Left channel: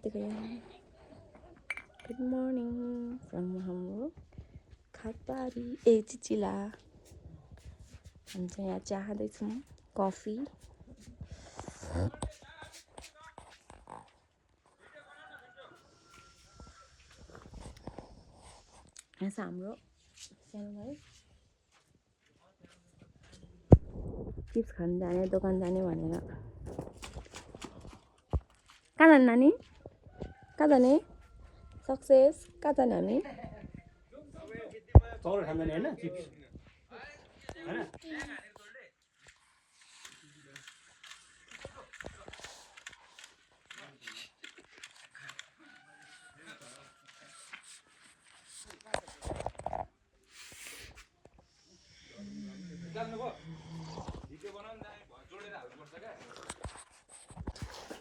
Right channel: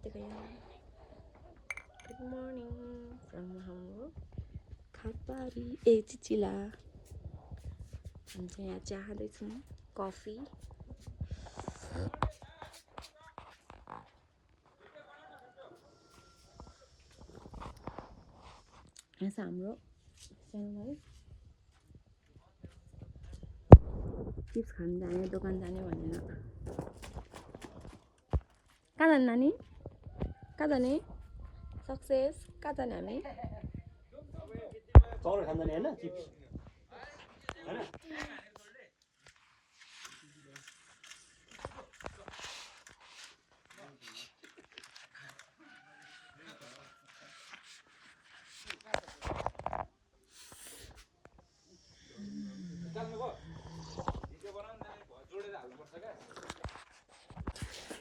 Kartikeya good morning from हाम्रो खातबारी चिचिला हामी चाहिँ यहाँ चाहँदैछौँ कफी यहाँ छ हाम्रो सानो भाइ चिप्स खान जाने दोकान जाने भनेर कहाँ जाने नानी कहाँ जाने सक्सेस कहाँ जाने हामी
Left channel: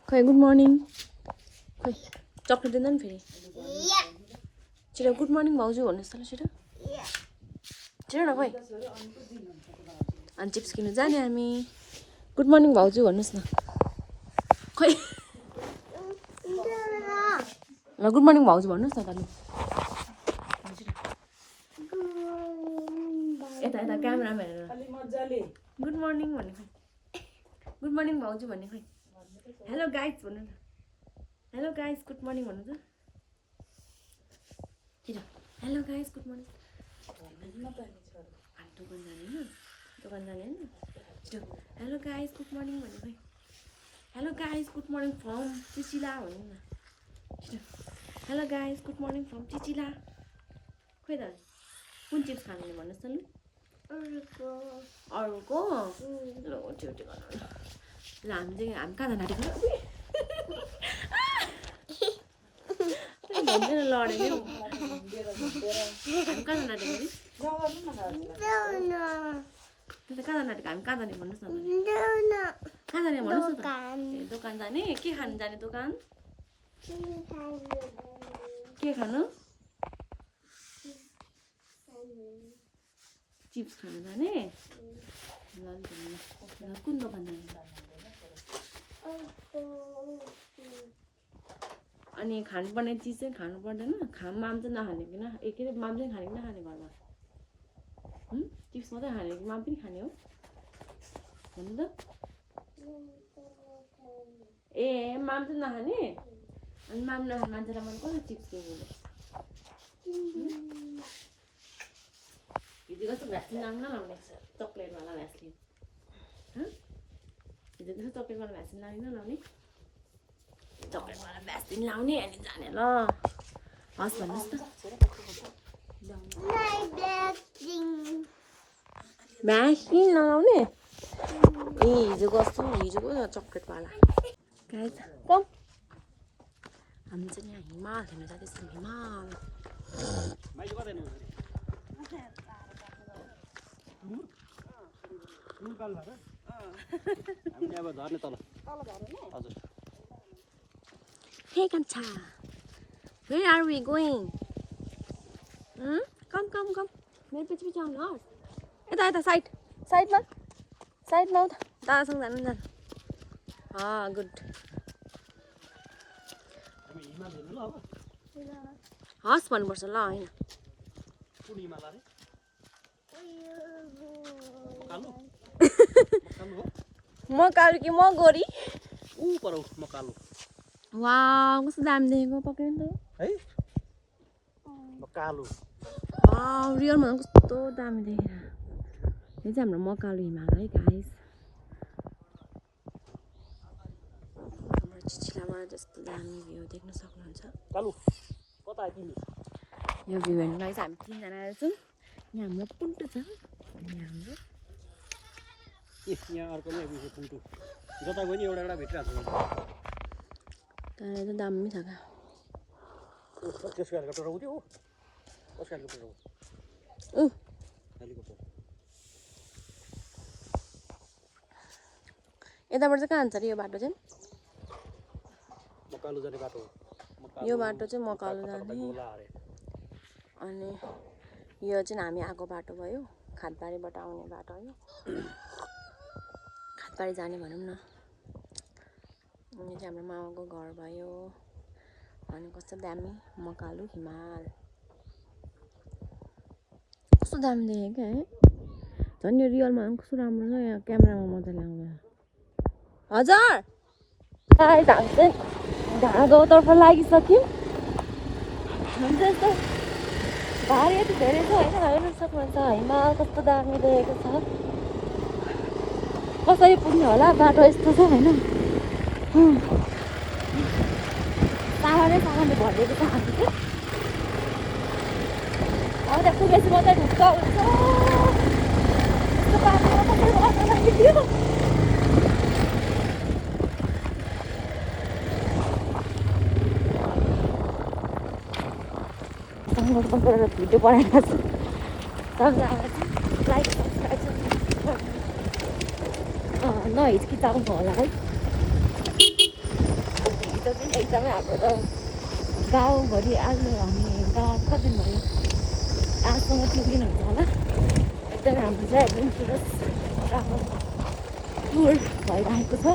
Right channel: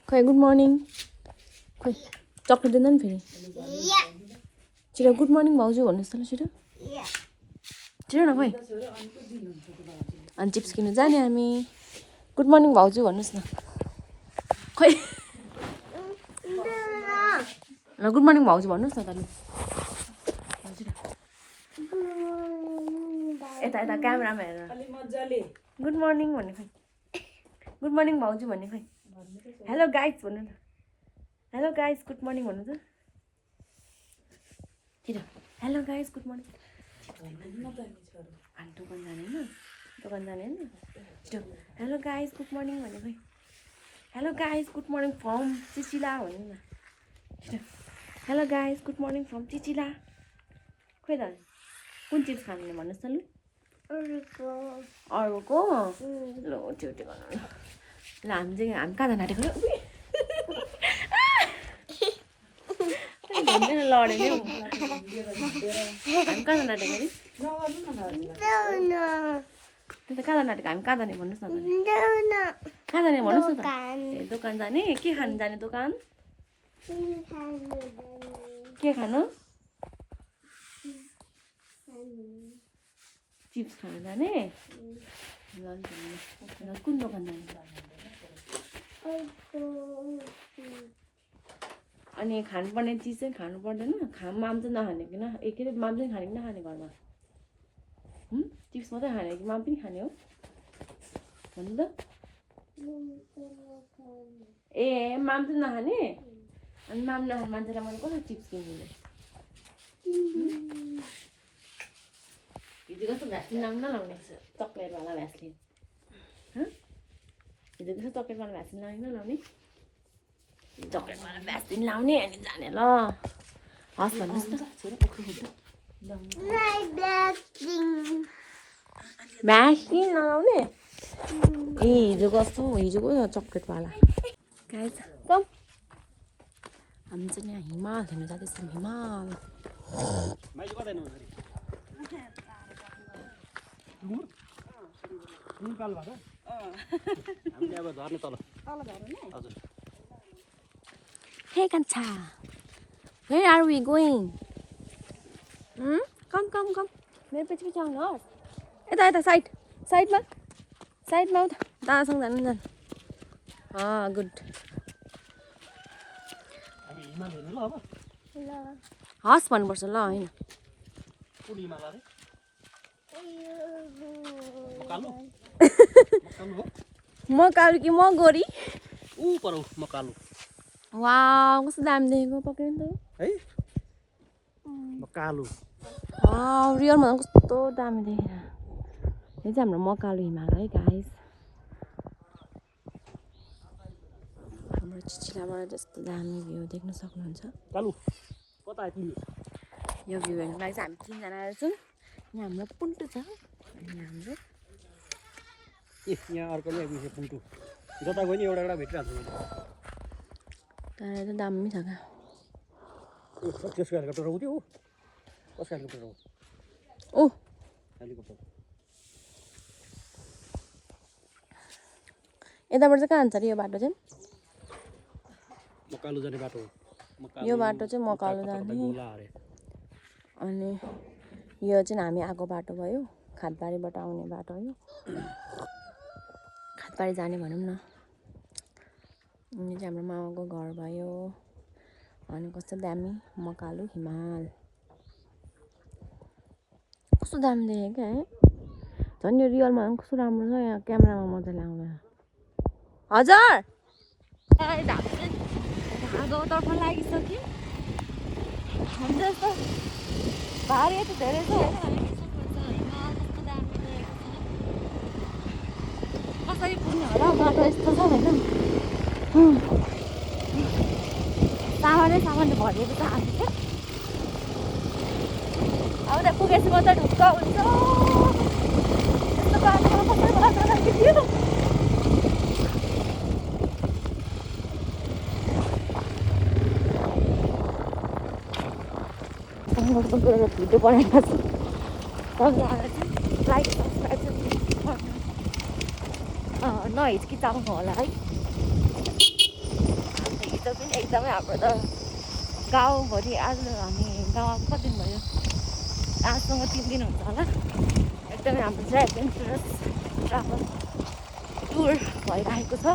खै गुड मर्निङ खै चक्लेट दिँदैन नि फेरि छिटो गुड मर्निङ भाउजू भन्नुहोस् त ल छिटो छिटो न खै अनि चिप्स किन्नु जाने हामी गुड मर्निङ भाउजू भन्नुहोस् न खै ल गुड मर्निङ भाउजू भन्नुहोस् न त लु यता यता क्यामेरामा हेरेर गुड मर्निङ भन्ने खै गुड मर्निङ भाउजू भन्ने खै हेलो गाइज भन्नु न हेलो गाइज गुड मर्निङ भन्नु त छिटो हेलो गाइज गुड मर्निङ हामी दोकान जाने होइन छिटो हेलो गाइज गुड मर्निङ भन्ने खै hello guys good morning from Chichila भन्नु न छिटो hello guys good morning from Chichila खोइ त कुन चिज खाने भन्नुहोस् त लु अरूको ल त्यो गर्नु ल हामी कहाँ जान आँटेको भन्दैन लडे नि हामी कहाँ जान आँटेको अरे त्यता कहाँ जान आँटेको हामी कहाँ जाने भन्नुहोस् न कहाँ जाने भन्नुहोस् न त ए दोकान जाने के खानु जाने दोकान के खानु चिप्स खानु जाने ल कुन दोकान जाने अनि खानुपर्ने चिज चाहिँ खानु पर्दैन माम चाहिँ नखाने कि के अरे माम चाहिँ खाने कि नखाने घरमा चिप्स मात्रै खाने कि माम पनि खाने हो भन्नु त ए माम चाहिँ नखाने अनि माम नखाने मान्छेलाई मैले कसरी चिप्स किनिदिने हिजो कस्तो भ्यासलिन लाउनु नलाउने चक्लेटवाला भ्यासलिन हिजो कस्तो चक्लेटवाला भ्यासलिन लाउने नलाउने चक्लेटवाला भ्यासलिन लाउने अनि जाने ल हस् भन्नुहोस् त भ्यासलिन लगाउने ए हिजोको चक्लेटवाला कम हामी चाहिँ यहाँ हिमाल हेर्नु जाँदैछौँ हिमाल Hey Kancha, where are we going? Come. मेरो पछि आउनुहोस् यता साइडमा दादासँग जानु गुड हस् भन्नुपर्छ ल होइन म कालो कि म गोरी वाउ कस्तो दामी देखेको पक्रिनु त वाउ रियलमा कस्तो दामी देखेर यो चाहिँ हाम्रो मकालु हिमाल है गाइस हाम्रो चिचिलाबाट जस्तो दामी भ्यू देख्न सक्नुहुन्छ यो भ्यू हेर्नुलाई चाहिँ हामी तीनजना छौँ यहाँ हाम्रो पुन्टु छ अनि हाम्रो यहाँ अर्को नि आइपुग्यो पुन्टु जता गयो नि एउटा भेटिरहेको छ तर त दामी छ क्या त्यसको हेलिकप्टर उठ्यो हो कसको हेलिकप्टर हो ओ हेलिकप्टर यताबाट चाहिँ कहाँ जान्छ अरे यो बाटो चाहिँ मकालु जाने बाटो यो बाटो चाहिँ मकालु जाने अनि यो चाहिँ हामी आएको बाटो भयो खातबारीबाट आउने बाटो हो खातबारी जाने भनौँ न यो चाहिँ हाम्रो मामाको घर भयो अनि कस्तो दामी मकालु हिमाल कस्तो दामी देखेँ क्या है झन् यो रियलमा कस्तो राम्रो छ यहाँ क्यामेरामा मजाले आउँदैन हजुर जान्छ ढाडा गाउँतर्फ लागिसक्यौँ हुन्छ यस्तो भारी यति धेरै छ होइन हेर्नु सक्नुहुन्छ हिमाल कस्तो दामी देखेको छ कसरी पुग्ने होला बाटो यस्तो चाहिँ होइन सामानले भरिएको छ हामी चाहिँ अब त्यहाँ पुगेपछि मात्रै ढुक्क हुन्छ यस्तो बाटोमा कसरी बाटो लागिदियो भिडियो बनाएको छु लाइक सब्सक्राइब नहिचकिचाउनु होला है हिजो पनि एकदमै हाम्रो त गाउँभरि आज हामी गाउँमा कति दिन भयो आजसँग 3 दिन हुन्छ होला एकदमै हाम्रो चाहिँ एडभेन्चरस ट्राभल टुर भइरहेको छ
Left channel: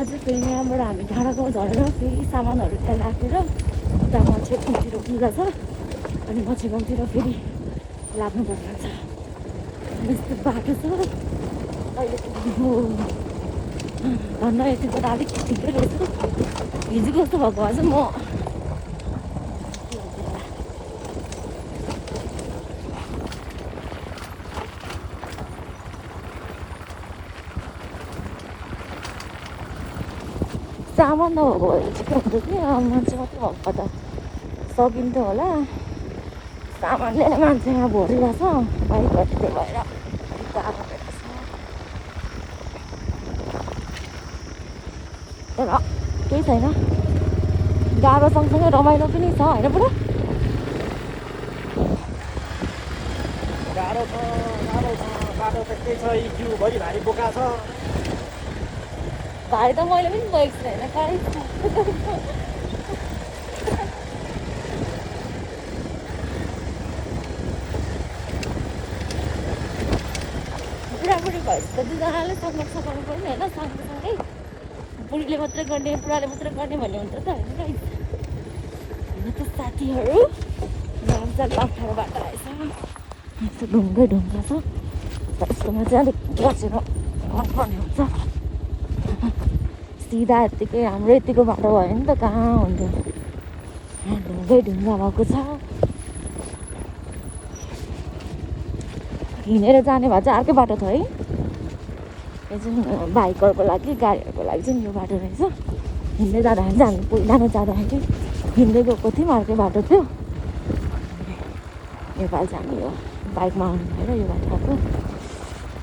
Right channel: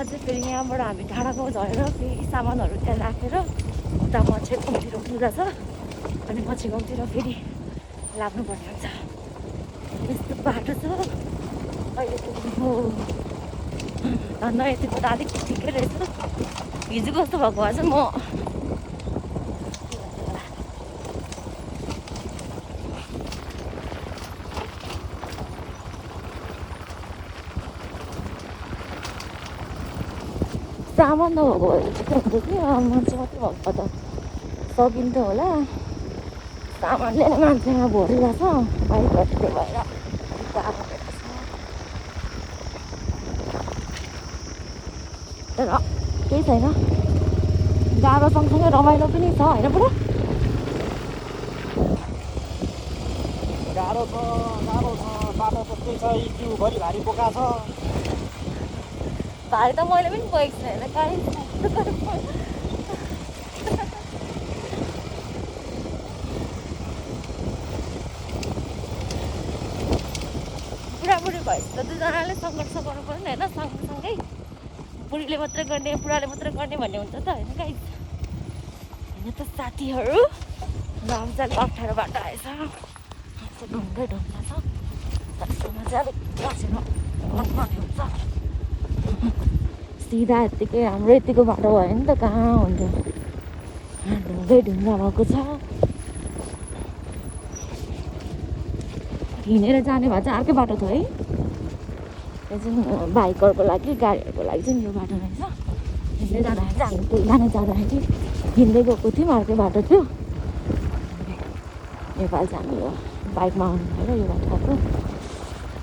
अझै फेरि यहाँबाट हामी डाँडाको झरेर फेरि सामानहरू त्यहाँ राखेर उता मच्छे गाउँतिर पूजा छ अनि मच्छे गाउँतिर फेरि लाग्नुपर्ने हुन्छ यस्तो बाटो छ अहिले पुग्नु धन्न यतिको त अलिक ठिकै रहेछ हिजो कस्तो भएको भए चाहिँ म सामान नभएको भएर ठिकै हुन्छ कि मान्छे मात्रै भएको त सकिन्थ्यो होला सामानले मान्छे यहाँ भरिरहेको छ बाइकहरू त्यही भएर गाह्रो भएको छ तर केही छैन गाह्रो सँगसँगै रमाइलो पनि छ होइन बुढो गाह्रो छ बाटो त्यस्तै छ जिउभरि भारी बोका छ भाइ त मैले पनि गएको छु होइन कहीँ बुढाबुढी भएपछि त दुईजनाले सङ्घर्ष गर्नु पर्यो नि होइन सँगसँगै बुढीले मात्रै गर्ने बुढाले मात्रै गर्ने भन्ने हुन्छ त होइन कहीँ होइन त साथीहरू नाम चाहिँ लप्ठेर बाटो आएछ ढुङ्गै ढुङ्गा छ यसकोमा चाहिँ अलिक बसेर पर्ने हुन्छ सिधा यत्तिकै हाम्रो यतिको बाटो भयो नि त कहाँ हुन्छ ढुङ्गै ढुङ्गा भएको छ हिँडेर जाने भए चाहिँ अर्कै बाटो थियो है यो चाहिँ बाइकहरूको लागि गाडीहरूको लागि चाहिँ यो बाटो रहेछ हिँड्दै जाँदाखेरि चाहिँ हामी पहिला नजाँदाखेरि हिँड्दै गएको थियौँ अर्कै बाटो थियो नेपाल चाहिँ हामी यो बाइकमा आउनु भएर यो बाटो आएको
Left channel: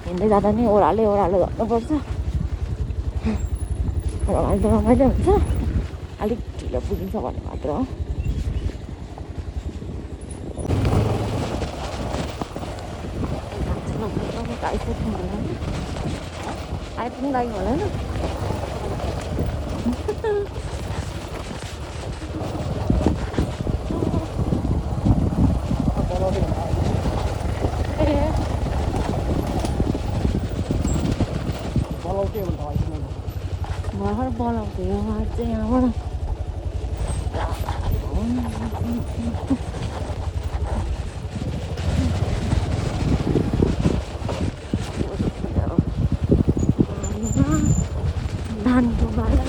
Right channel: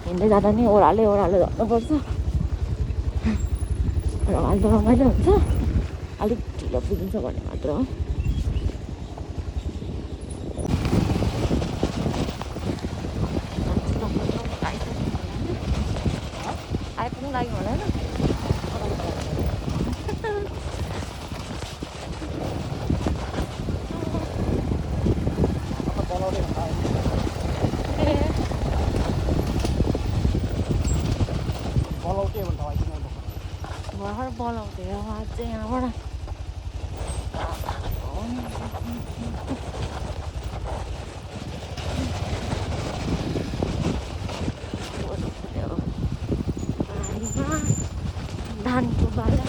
हिँड्दै जाँदा नि ओह्रालो झर्नुपर्छ रमाइलो हुन्छ अलिक ढिलो पुगिन्छ भन्ने मात्र हो आइपुग्नु लागि होला नि भर्खर बोलाउँथ्यो यहाँ चाहिँ यहाँबाट धानको बाटो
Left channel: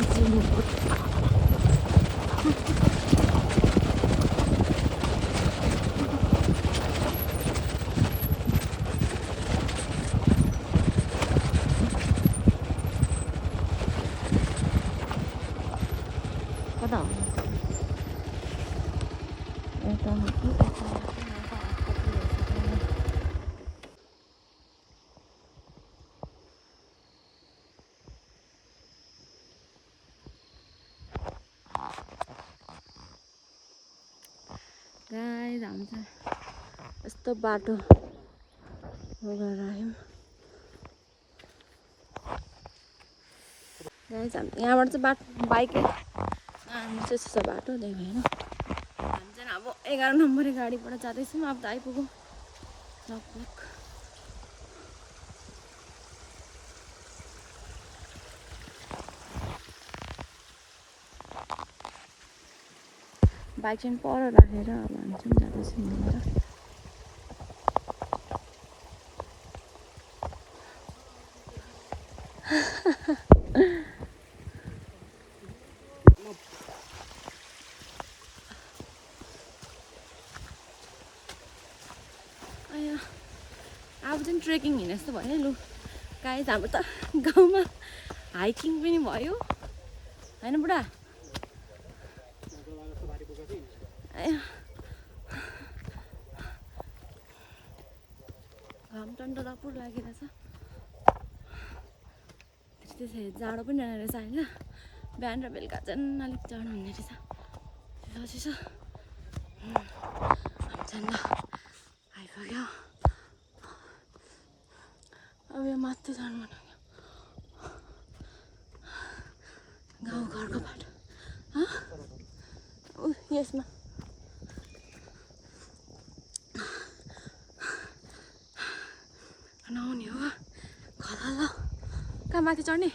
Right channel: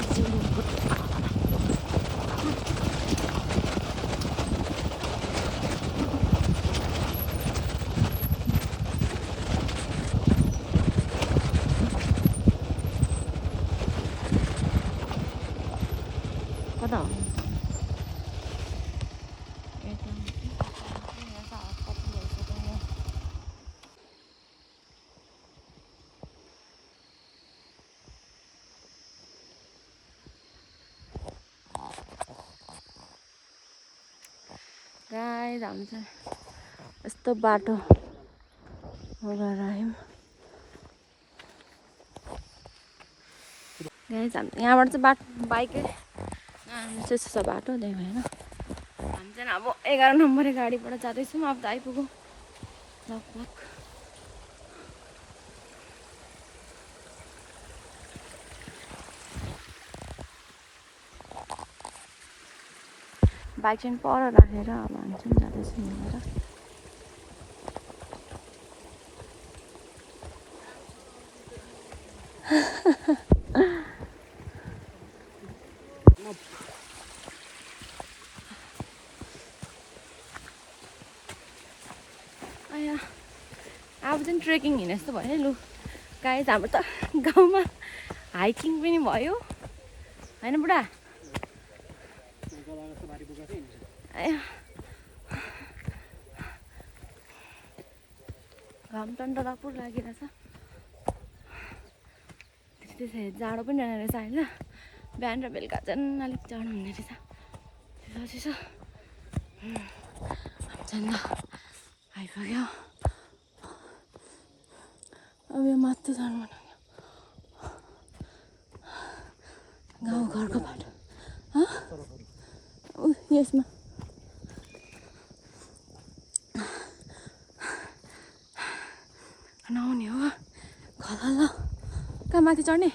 कता हो यता गाइस हामी चाहिँ यस्तो बाटो गएर आयौँ गाइस हामी यहाँबाट चाहिँ बाइकै त्यस्तो छ बाटो त्यही भएर हामी चाहिँ अब 11 नम्बरे गाडीबाट जाँदैछौँ अब त आइपुग्यो लगभग बाइक चाहिँ पर राखेर अब हामी चाहिँ जाँदैछौँ हिँडेर अब चाहिँ ट्रेकिङ हिँडे जस्तो भयो लु गाइस हाम्रो त गाउँमा हाइकिङ पनि भयो होइन बुढा घाम टन्टरापुर लागिरहेछ त्यसरी जाडो पनि रहेन रहेछ होइन बिहान र बेलुका चाहिँ अलिक जाडो हुने रहेछ चिसो चाहिँ आइपुग्यो अब यो माथि चढ्नु गाउँघरको बाटो यसमा नआउने हो घर ल कहाँ माथि चढ्ने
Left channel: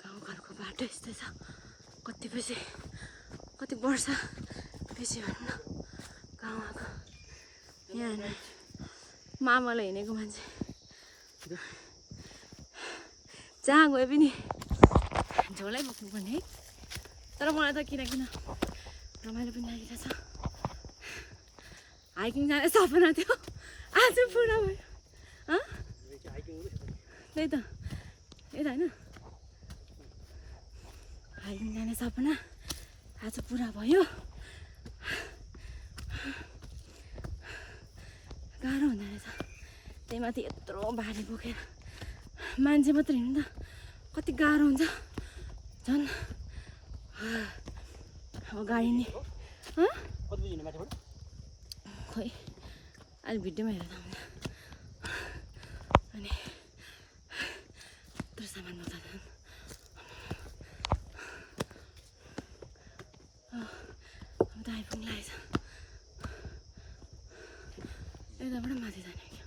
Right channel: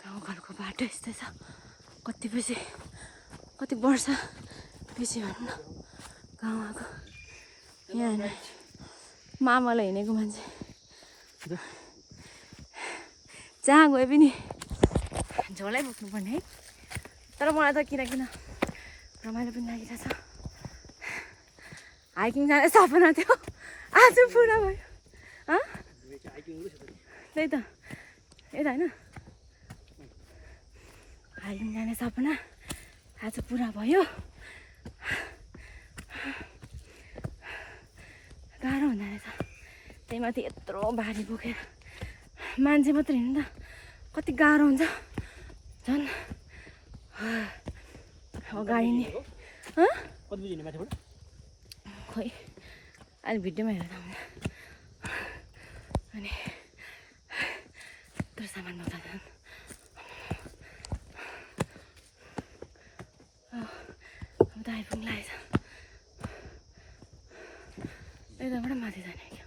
गाउँघरको बाटो यस्तै छ कति वर्ष पछि भन्नु गाउँ आएको यहाँ होइन मामालाई हिँडेको मान्छे जहाँ गए पनि झोलै बोक्नुपर्ने है तर मलाई त किन रमाइलो पनि लागिरहेछ हाइकिङ जाने सपना थियो आज पुरा भयो त्यही त यता होइन हाइकिङ जाने सपना आज पुरा भयो गाह्रो हुँदो रहेछ त्यही माथि यत्रो भारी बोकेर मान्छे मात्रै हिँड्नु त कति गाह्रो हुन्छ झन् गाडी नि खोइ अहिले भिडियोमा हेर्दा अनि यत्रो सामान बोक्दा अब त आइपुग्नु लागेछ यताबाट माथि जाने क्या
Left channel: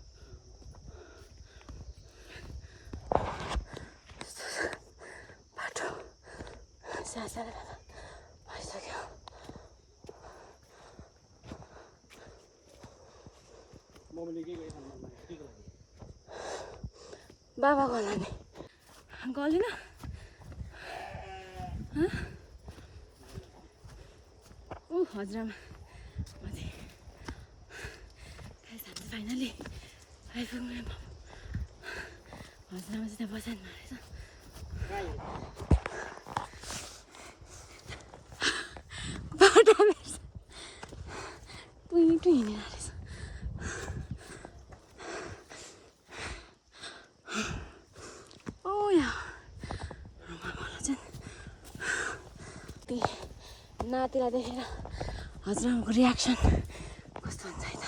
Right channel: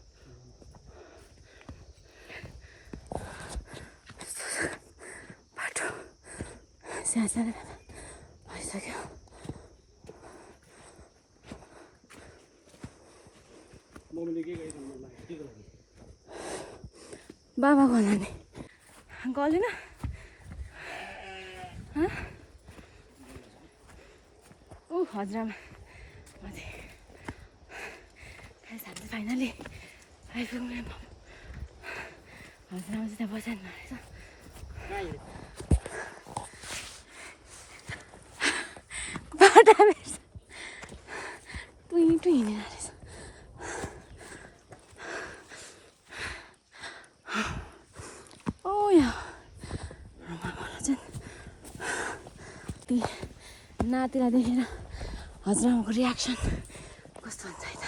बाटो सानो भइसक्यो बाबा गल्ला नि गलेन हजुरमा माथि खाइहाल्छ फाइनली आइपुग्नु हजुरमा चाहिँ त्यहाँ बसाइनु रहेछ बाटो रहेछ टुइ हिँडेर रहेछ नातिलाई देखेर हजुरआमाको रियाक्सन कस्तो हुन्छ है त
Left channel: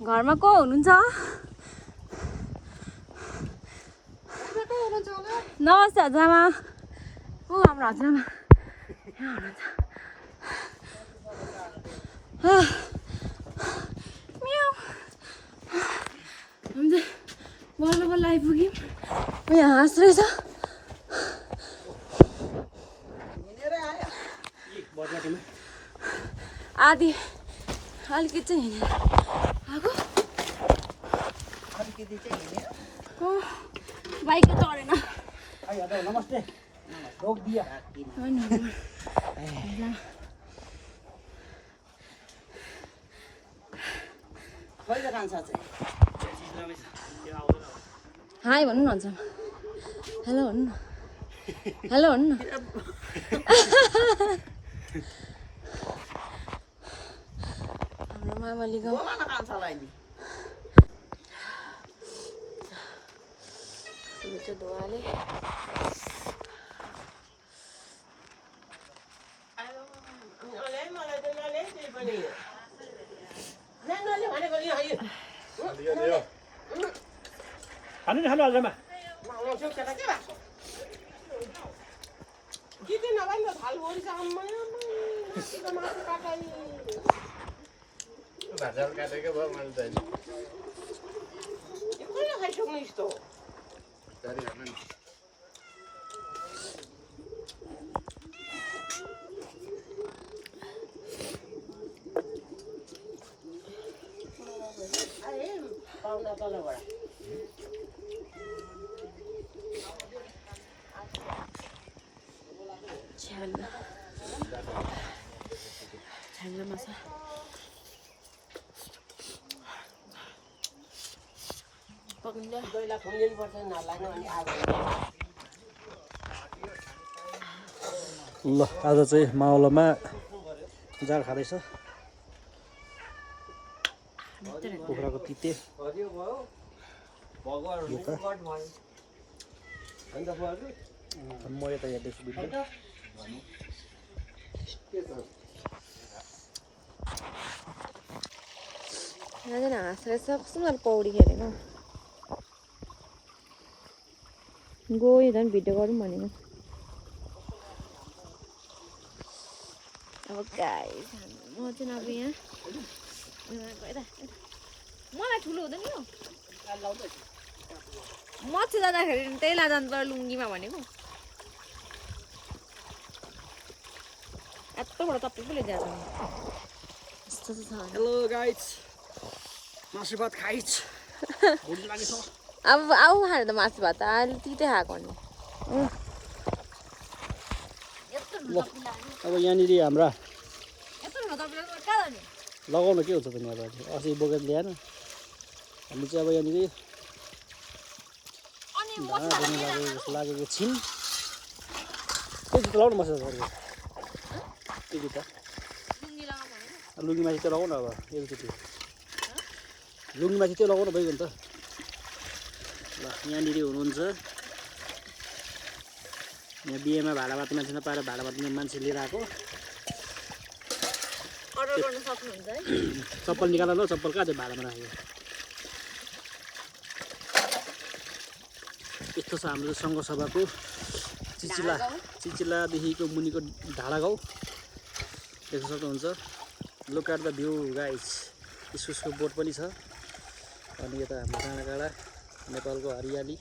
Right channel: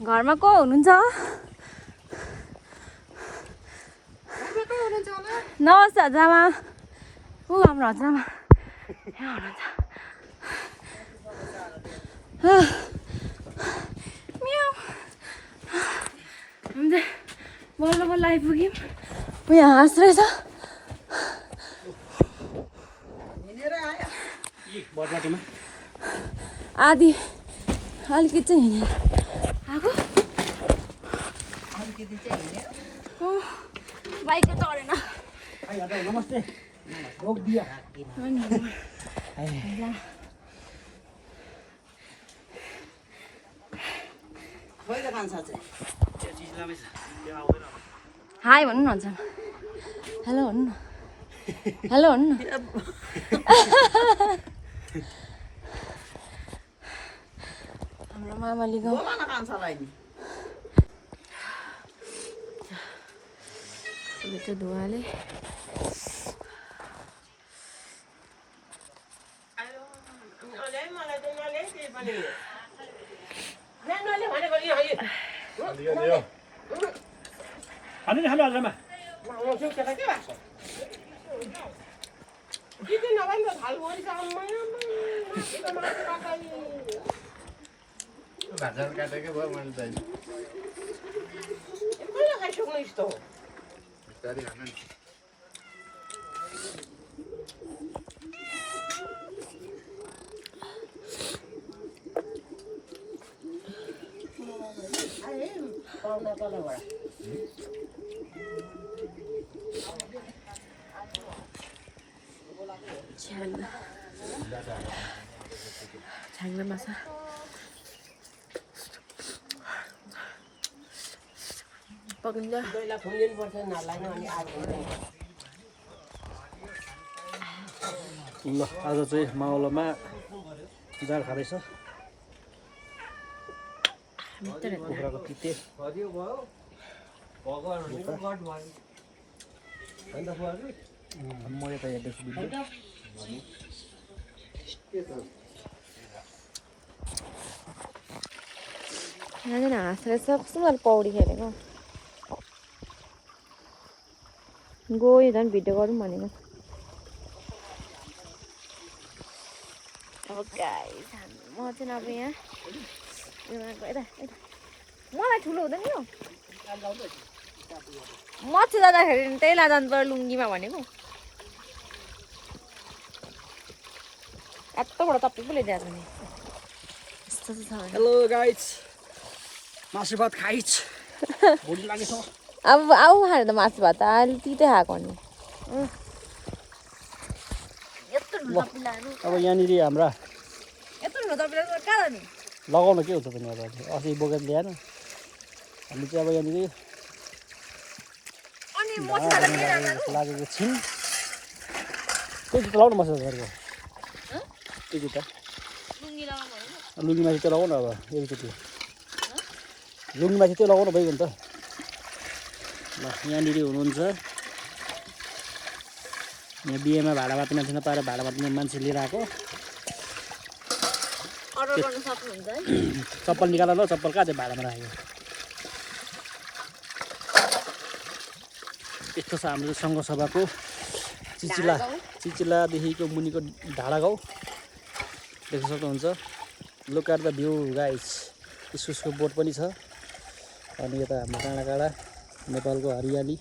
घरमा को हुनुहुन्छ नमस्ते हजुरआमा ऊ हाम्रो हजुरआमा यहाँ हुनुहुन्छ बल्ल आइपुग्यौँ उयो हाँस रहेछ आधी अलिकति चाहिँ हिँडेर आएको बाइकै चढेन नमस्ते हाई भन्नु न भन्छ हेलो भन्नु न हेलो भन्नु न हाम्रो मामाली गाउँ धुवाले हाल्नु हजुरमा Kita nak benda hal boleh sah. Gajar katekę bo mam ten. कसले खाइसक्नु यस्तो Sorry, anan. पाउँदा तलबाट छ्याङ्ला माछा पकिन्छ पहिला खोलिनुपर्छ नलाग्नु अनि ल आज चाहिँ मावलामा जाल खाँदैछ कुखुराको तिते म यता हेर्दैछु भिडियो यहाँनिर हाँसेर कस्तो मजाले पौडी खेलेको गयो झन् भिडियो गरौँ भनेको अब गाइस म चाहिँ अब यहाँ मलाई ठुलो हुँदैन यो मच्छी जाँदाखेरि त्यही ला जानु पर्यो लुङ्गीमा भनेको यत्रोबाट चप्पी पो लिइदिएको छ नि यस्तो चाहिँ छ भने हेलो गाइस मासु भात खाइछ भोलि लागेछ अब आऊ खाएर त मासु भात अहिले तितै खाएको नि यत्रो ठुलो चप्पी लानु अब यहाँनिर हाम्रा यत्रो ठुलो चप्पी लानु कहाँ जानु लगाउन के हुन्छ पनि अब अस्ति बोकेर ल्याएन हामी चाहिँ अब यहाँनिर अनि भाँडा लागेको छौँ त्यो जुत्ता लगाउनु मसँग घरको त्यो जुत्ता लुङ्गी लगाउनु भनेको लुङ्गीमाथि त्यो लगाउनु अब एकचोटि लुङ्गीमाथि त्यो लगाउनु भइगयो नि त ल यहाँनिर हुनुहुन्छ यहाँ बिहेमा भाडा बाँध्ने मान्छे नपाएर भाडा बाँध्ने मान्छे लिएर आएको अर्डर गर्न सक्नुहुन्छ है चप्पल निकाल ल चप्पल कहाँ चाहिँ भाडामा राखेको यस्तो छ हाम्रो सङ्घ सभाको चिचिलादेखिको मुनिको ढाडा गाउँ देख्न सक्नुहुन्छ look at the view guys इस्कुसको बोट पनि छ अनि यता हाम्रो डाँडाकाँडा नेपालको हरियाली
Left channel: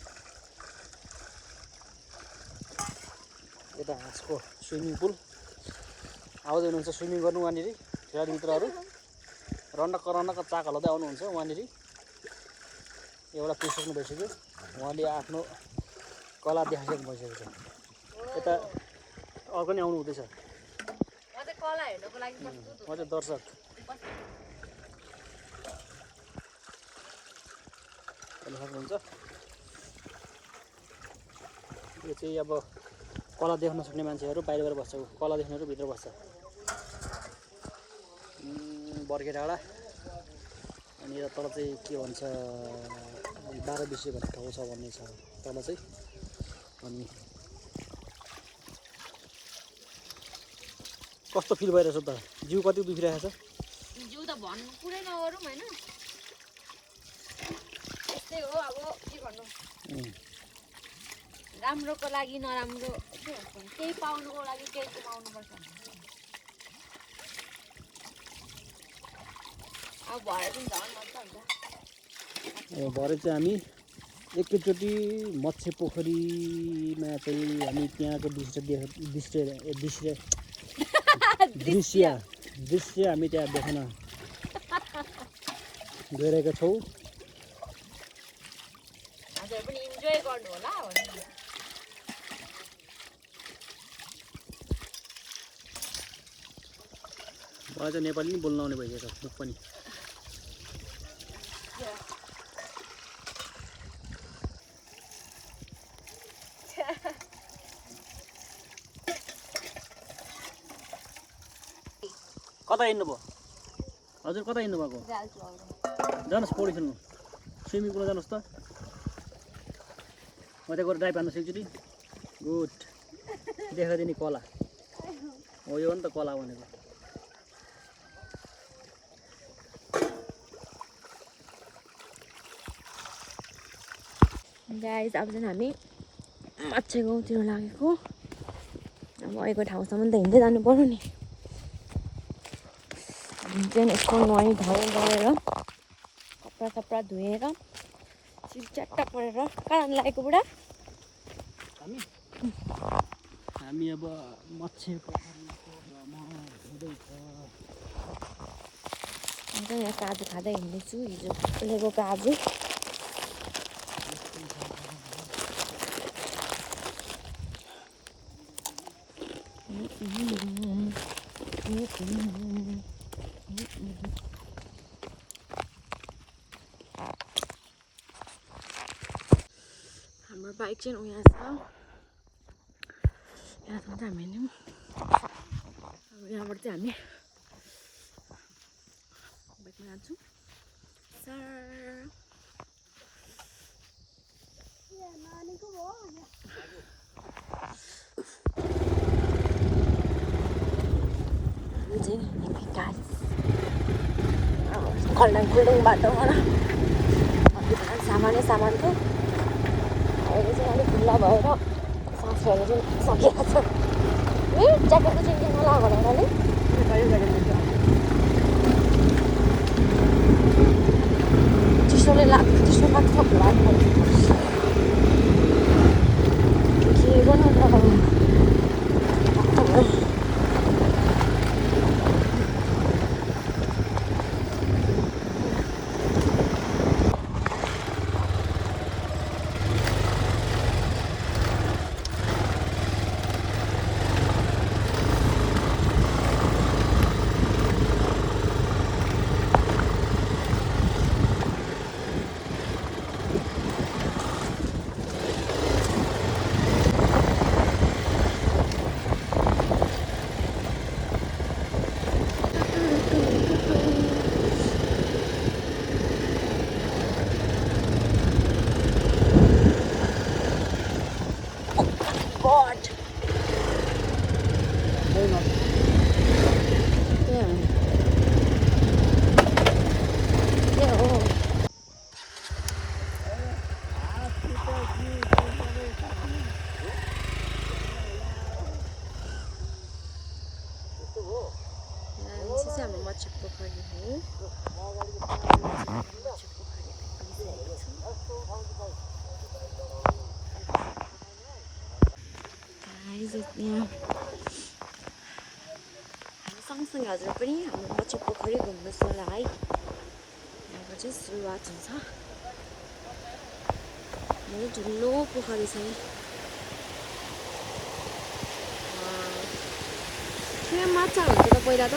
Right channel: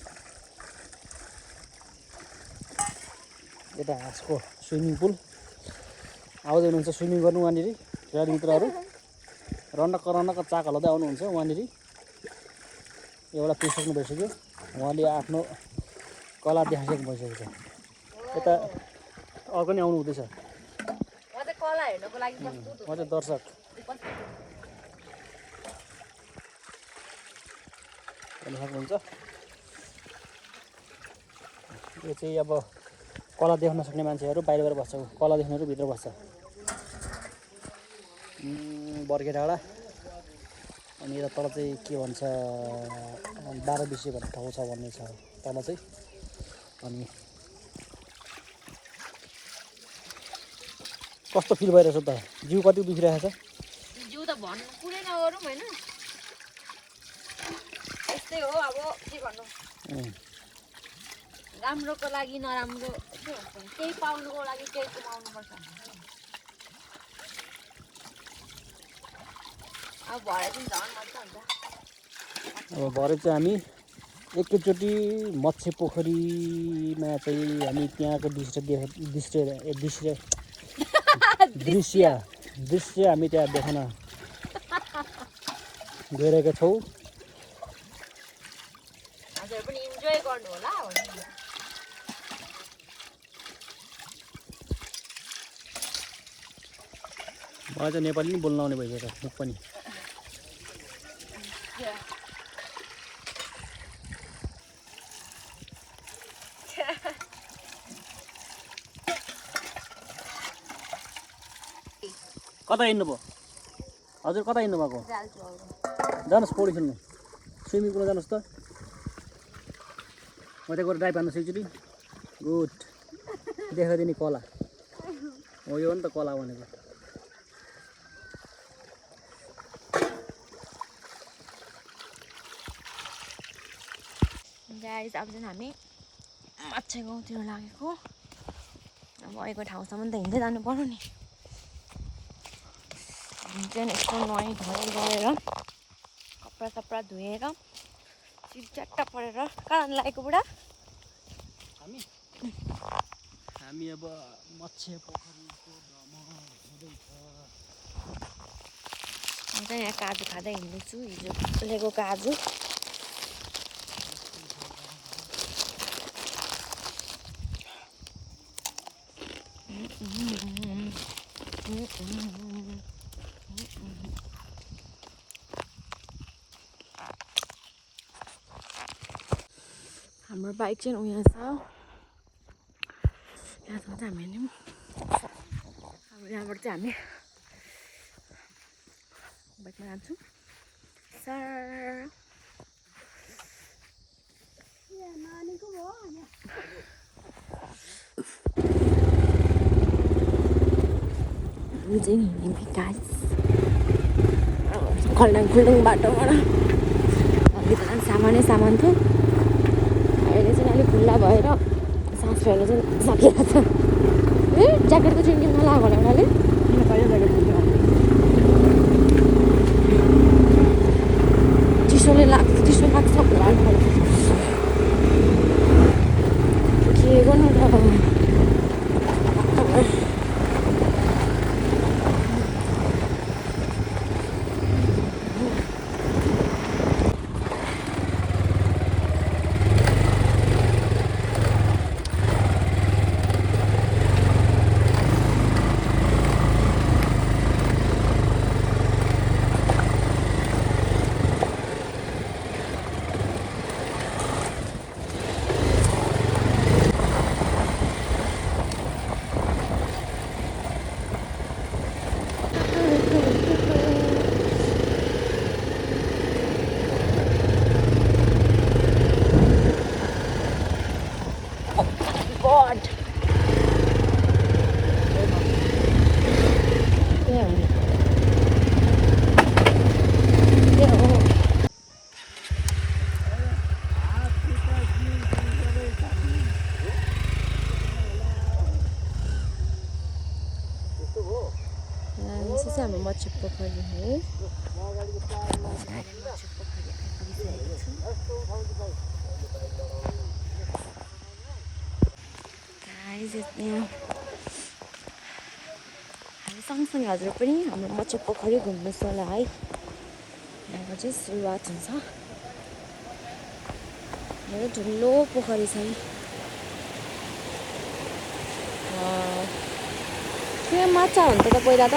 यता हाँसको स्विमिङ पुल आउँदै हुनुहुन्छ स्विमिङ गर्नु वहाँनिर गाडी मित्रहरू रन्नक चाक हलाउँदै आउनुहुन्छ वहाँनिर एउटा पुगिसक्नु भइसक्यो उहाँले आफ्नो कला देखाइसक्नु भइसकेको छ यता अर्को नि आउनु हुँदैछ म चाहिँ कला हेर्नको लागि प्रस्तुत म चाहिँ दर्शक हेर्न सक्नुहुन्छ यो चाहिँ अब कला देख्न सक्ने मान्छेहरू बाहिर बस्छ कला देख्नेहरू भित्र बस्छ बर्खे डाँडा अनि यता तल चाहिँ के भन्छ 12 बिसे भन्ने ठाउँ छ भन्ने छ तल चाहिँ अनि कस्तो फिल भइरहेछ त जिउ कति दुखिरहेको छ जिउ त भन्नु कुरै नगरौँ होइन यस्तै हो अब के गर्नु राम्रोको लागि नराम्रो के भन्छ केही पाउनुको लागि केही कमाउनुपर्छ अब भरे चाहिँ झन् मजा हुन्छ अब भरे चाहिँ हामी एकैचोटि मत्स्य पोखरीमा चाहिँ हामी त्यहाँको दृश्य हामी त्यहाँ देख्न गइरहेका छौँ हजुर पनि इन्जोय गर्नु होला मलाई चाहिँ नेपाली नि बोल्न आउने भइसक्यो मुख पनि कता हिँड्नु भयो हजुर कता हिँड्नु भएको जानुहोस् पौडी खेल्नु स्विमिङ पुलमा जानुहोस् त म त्यहाँ गएर ड्राइभ हान्नु सक्छु नि गुड देखाइदिने कला हो यो हो नि त कला भनेको गाइस अब चाहिँ हामी माछा गाउँतिर लागेको अब गएको ठाउँसम्म त हिँड्दै जानु पर्यो नि। हामी चाहिँ यस्तो नुहाई धुवाई गरेर कपडा सपडा धोएर चिरच्याट्टा परेर कहाँ लागेको बुढा? हामी अब मत्स्य पोखरीको भ्रमण हुँदैछ। म चाहिँ यहाँ काजु खाँदै हिँड्दैछु, हिजो ल्याएको काजु। हाम्रो बाइक चाहिँ उयो छ, यहाँसम्म चाहिँ हामी हिँड्यौँ। अब यहाँबाट चाहिँ हामी बाइकमा जान्छौँ। सर कल्याण फुलुङ बाटोबाट सामान थियो। अहिले चाहिँ अलिक खुल्ला भएर सास फेर्नु चाहिँ सकिएको छ। ए ज्याकेटको चाहिँ नला भनेर मैले चिसो लाग्छ होला। हाम्रो मत्स्य पोखरी हो। मत्स्य पोखरी आइपुगिसकेको छु। हामी सँगसँगै हजुर पनि हाम्रो मत्स्य पोखरी घुम्नुहोस् होला है। यहाँको चाहिँ सुरुवात हुन्छ। मेरो ठुलो पोखरी छ। यहाँ माछा हुन्छ त पहिला त?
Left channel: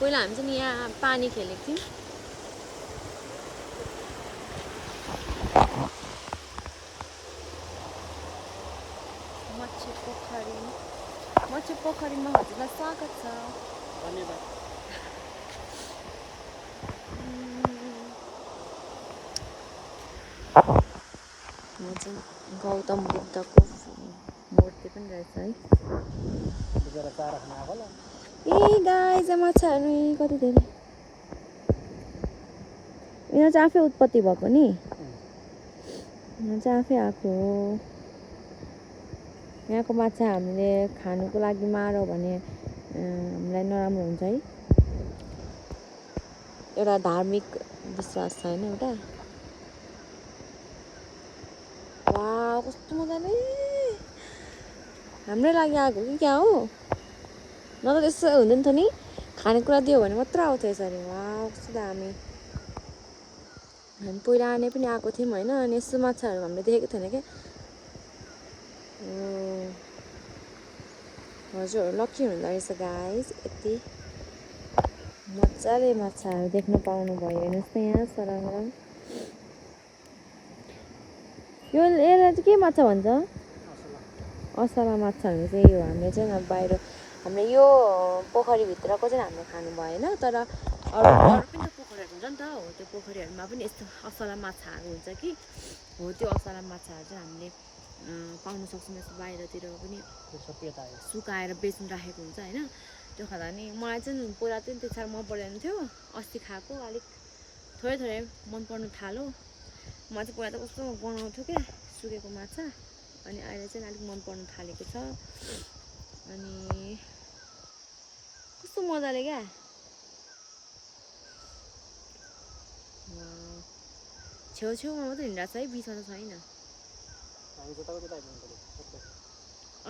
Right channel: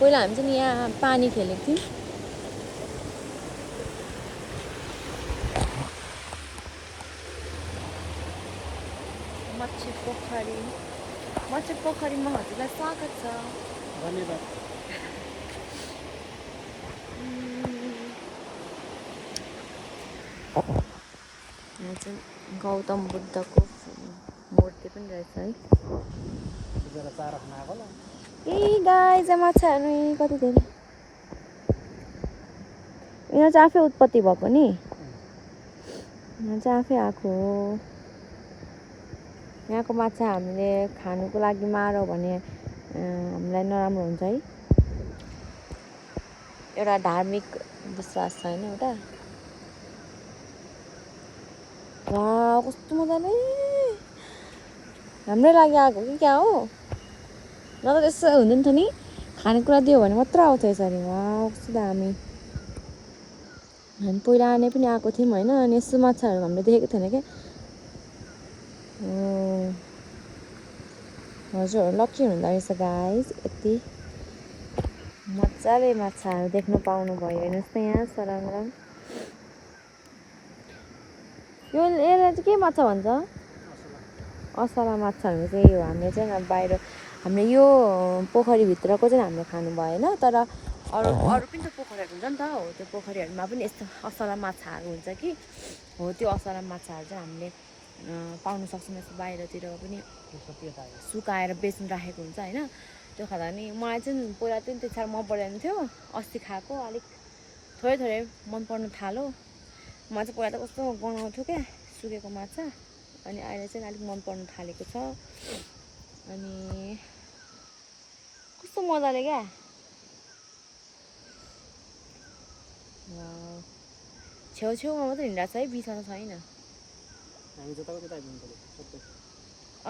पहिला हामी चाहिँ यहाँ पानी खेलेको थियौँ। मत्स्य पोखरीमा हजुरलाई स्वागत छ। धन्यवाद। यहाँ चाहिँ गौतम बुद्धको मूर्ति पनि रहेछ है। ए गाई चाहिँ माछाहरू कति धेरै। यहाँ चाहिँ आफै उत्पत्ति भएको नि। यहाँ चाहिँ आफै आएको हो। यहाँको माछा हामीले खानुको लागि मारौँ भने हामीलाई नराम्रो हुन्छ है। एउटा धार्मिक विश्वास छ होइन एउटा। कस्तो मजाले हाम्रै लागि आएको कि क्या हो? न त त्यसो हुँदैन थियो नि, खानेकुरा दियो भने मात्र आउँथ्यो यसरी। कस्तो दामी। हामी पहिला आने पनि आएको थियौँ होइन। अनि यस्तो माछाहरू हामीले देखेको थिएन क्या। हजुर लक्की हुँदो रहेछ गाइस। यति मजाले माछाहरू देख्नु पाउनु भयो। हेर्नुहोस् त यहाँ सरङरङ। यो यसलाई चाहिँ के माछा भन्छ? असला माछा भनेको चाहिँ यो। हामीले चाहिँ अब बाहिर हामीले यो पोखरीभित्रको चाहिँ हामीले खानु भएन। तर अरू पनि त पोखरीहरू हुन्छ नि त। हो त्यो पोखरीहरूमा पनि यस्तो असला माछाहरू हुन्छ कि। हो त्यो असला माछाहरू चाहिँ हामीले पाउन सक्छौँ। यस्तो बाहिरतिर पनि सुकाएर बेच्नु राखेको हुन्छ होइन। त्यो खाँदा नि मलाई चाहिँ पहिला चाहिँ त्यति साह्रो मन पर्दैन थियो। अस्ति खाएको अलिक थोरै थोरै मन पर्न थाल्यो। म चाहिँ पहिला त कस्तो गनाउँथ्यो क्या सुकेको माछा, अनि अहिले चाहिँ अलिक मन पर्न थालेको छ। अनि कस्तो मजाले क्या छेउछेउमा मात्रै हिँडिरहेको छ है, बिचमा छैन। हामी जताको त्यता आइपुग्नु पर्यो सबै।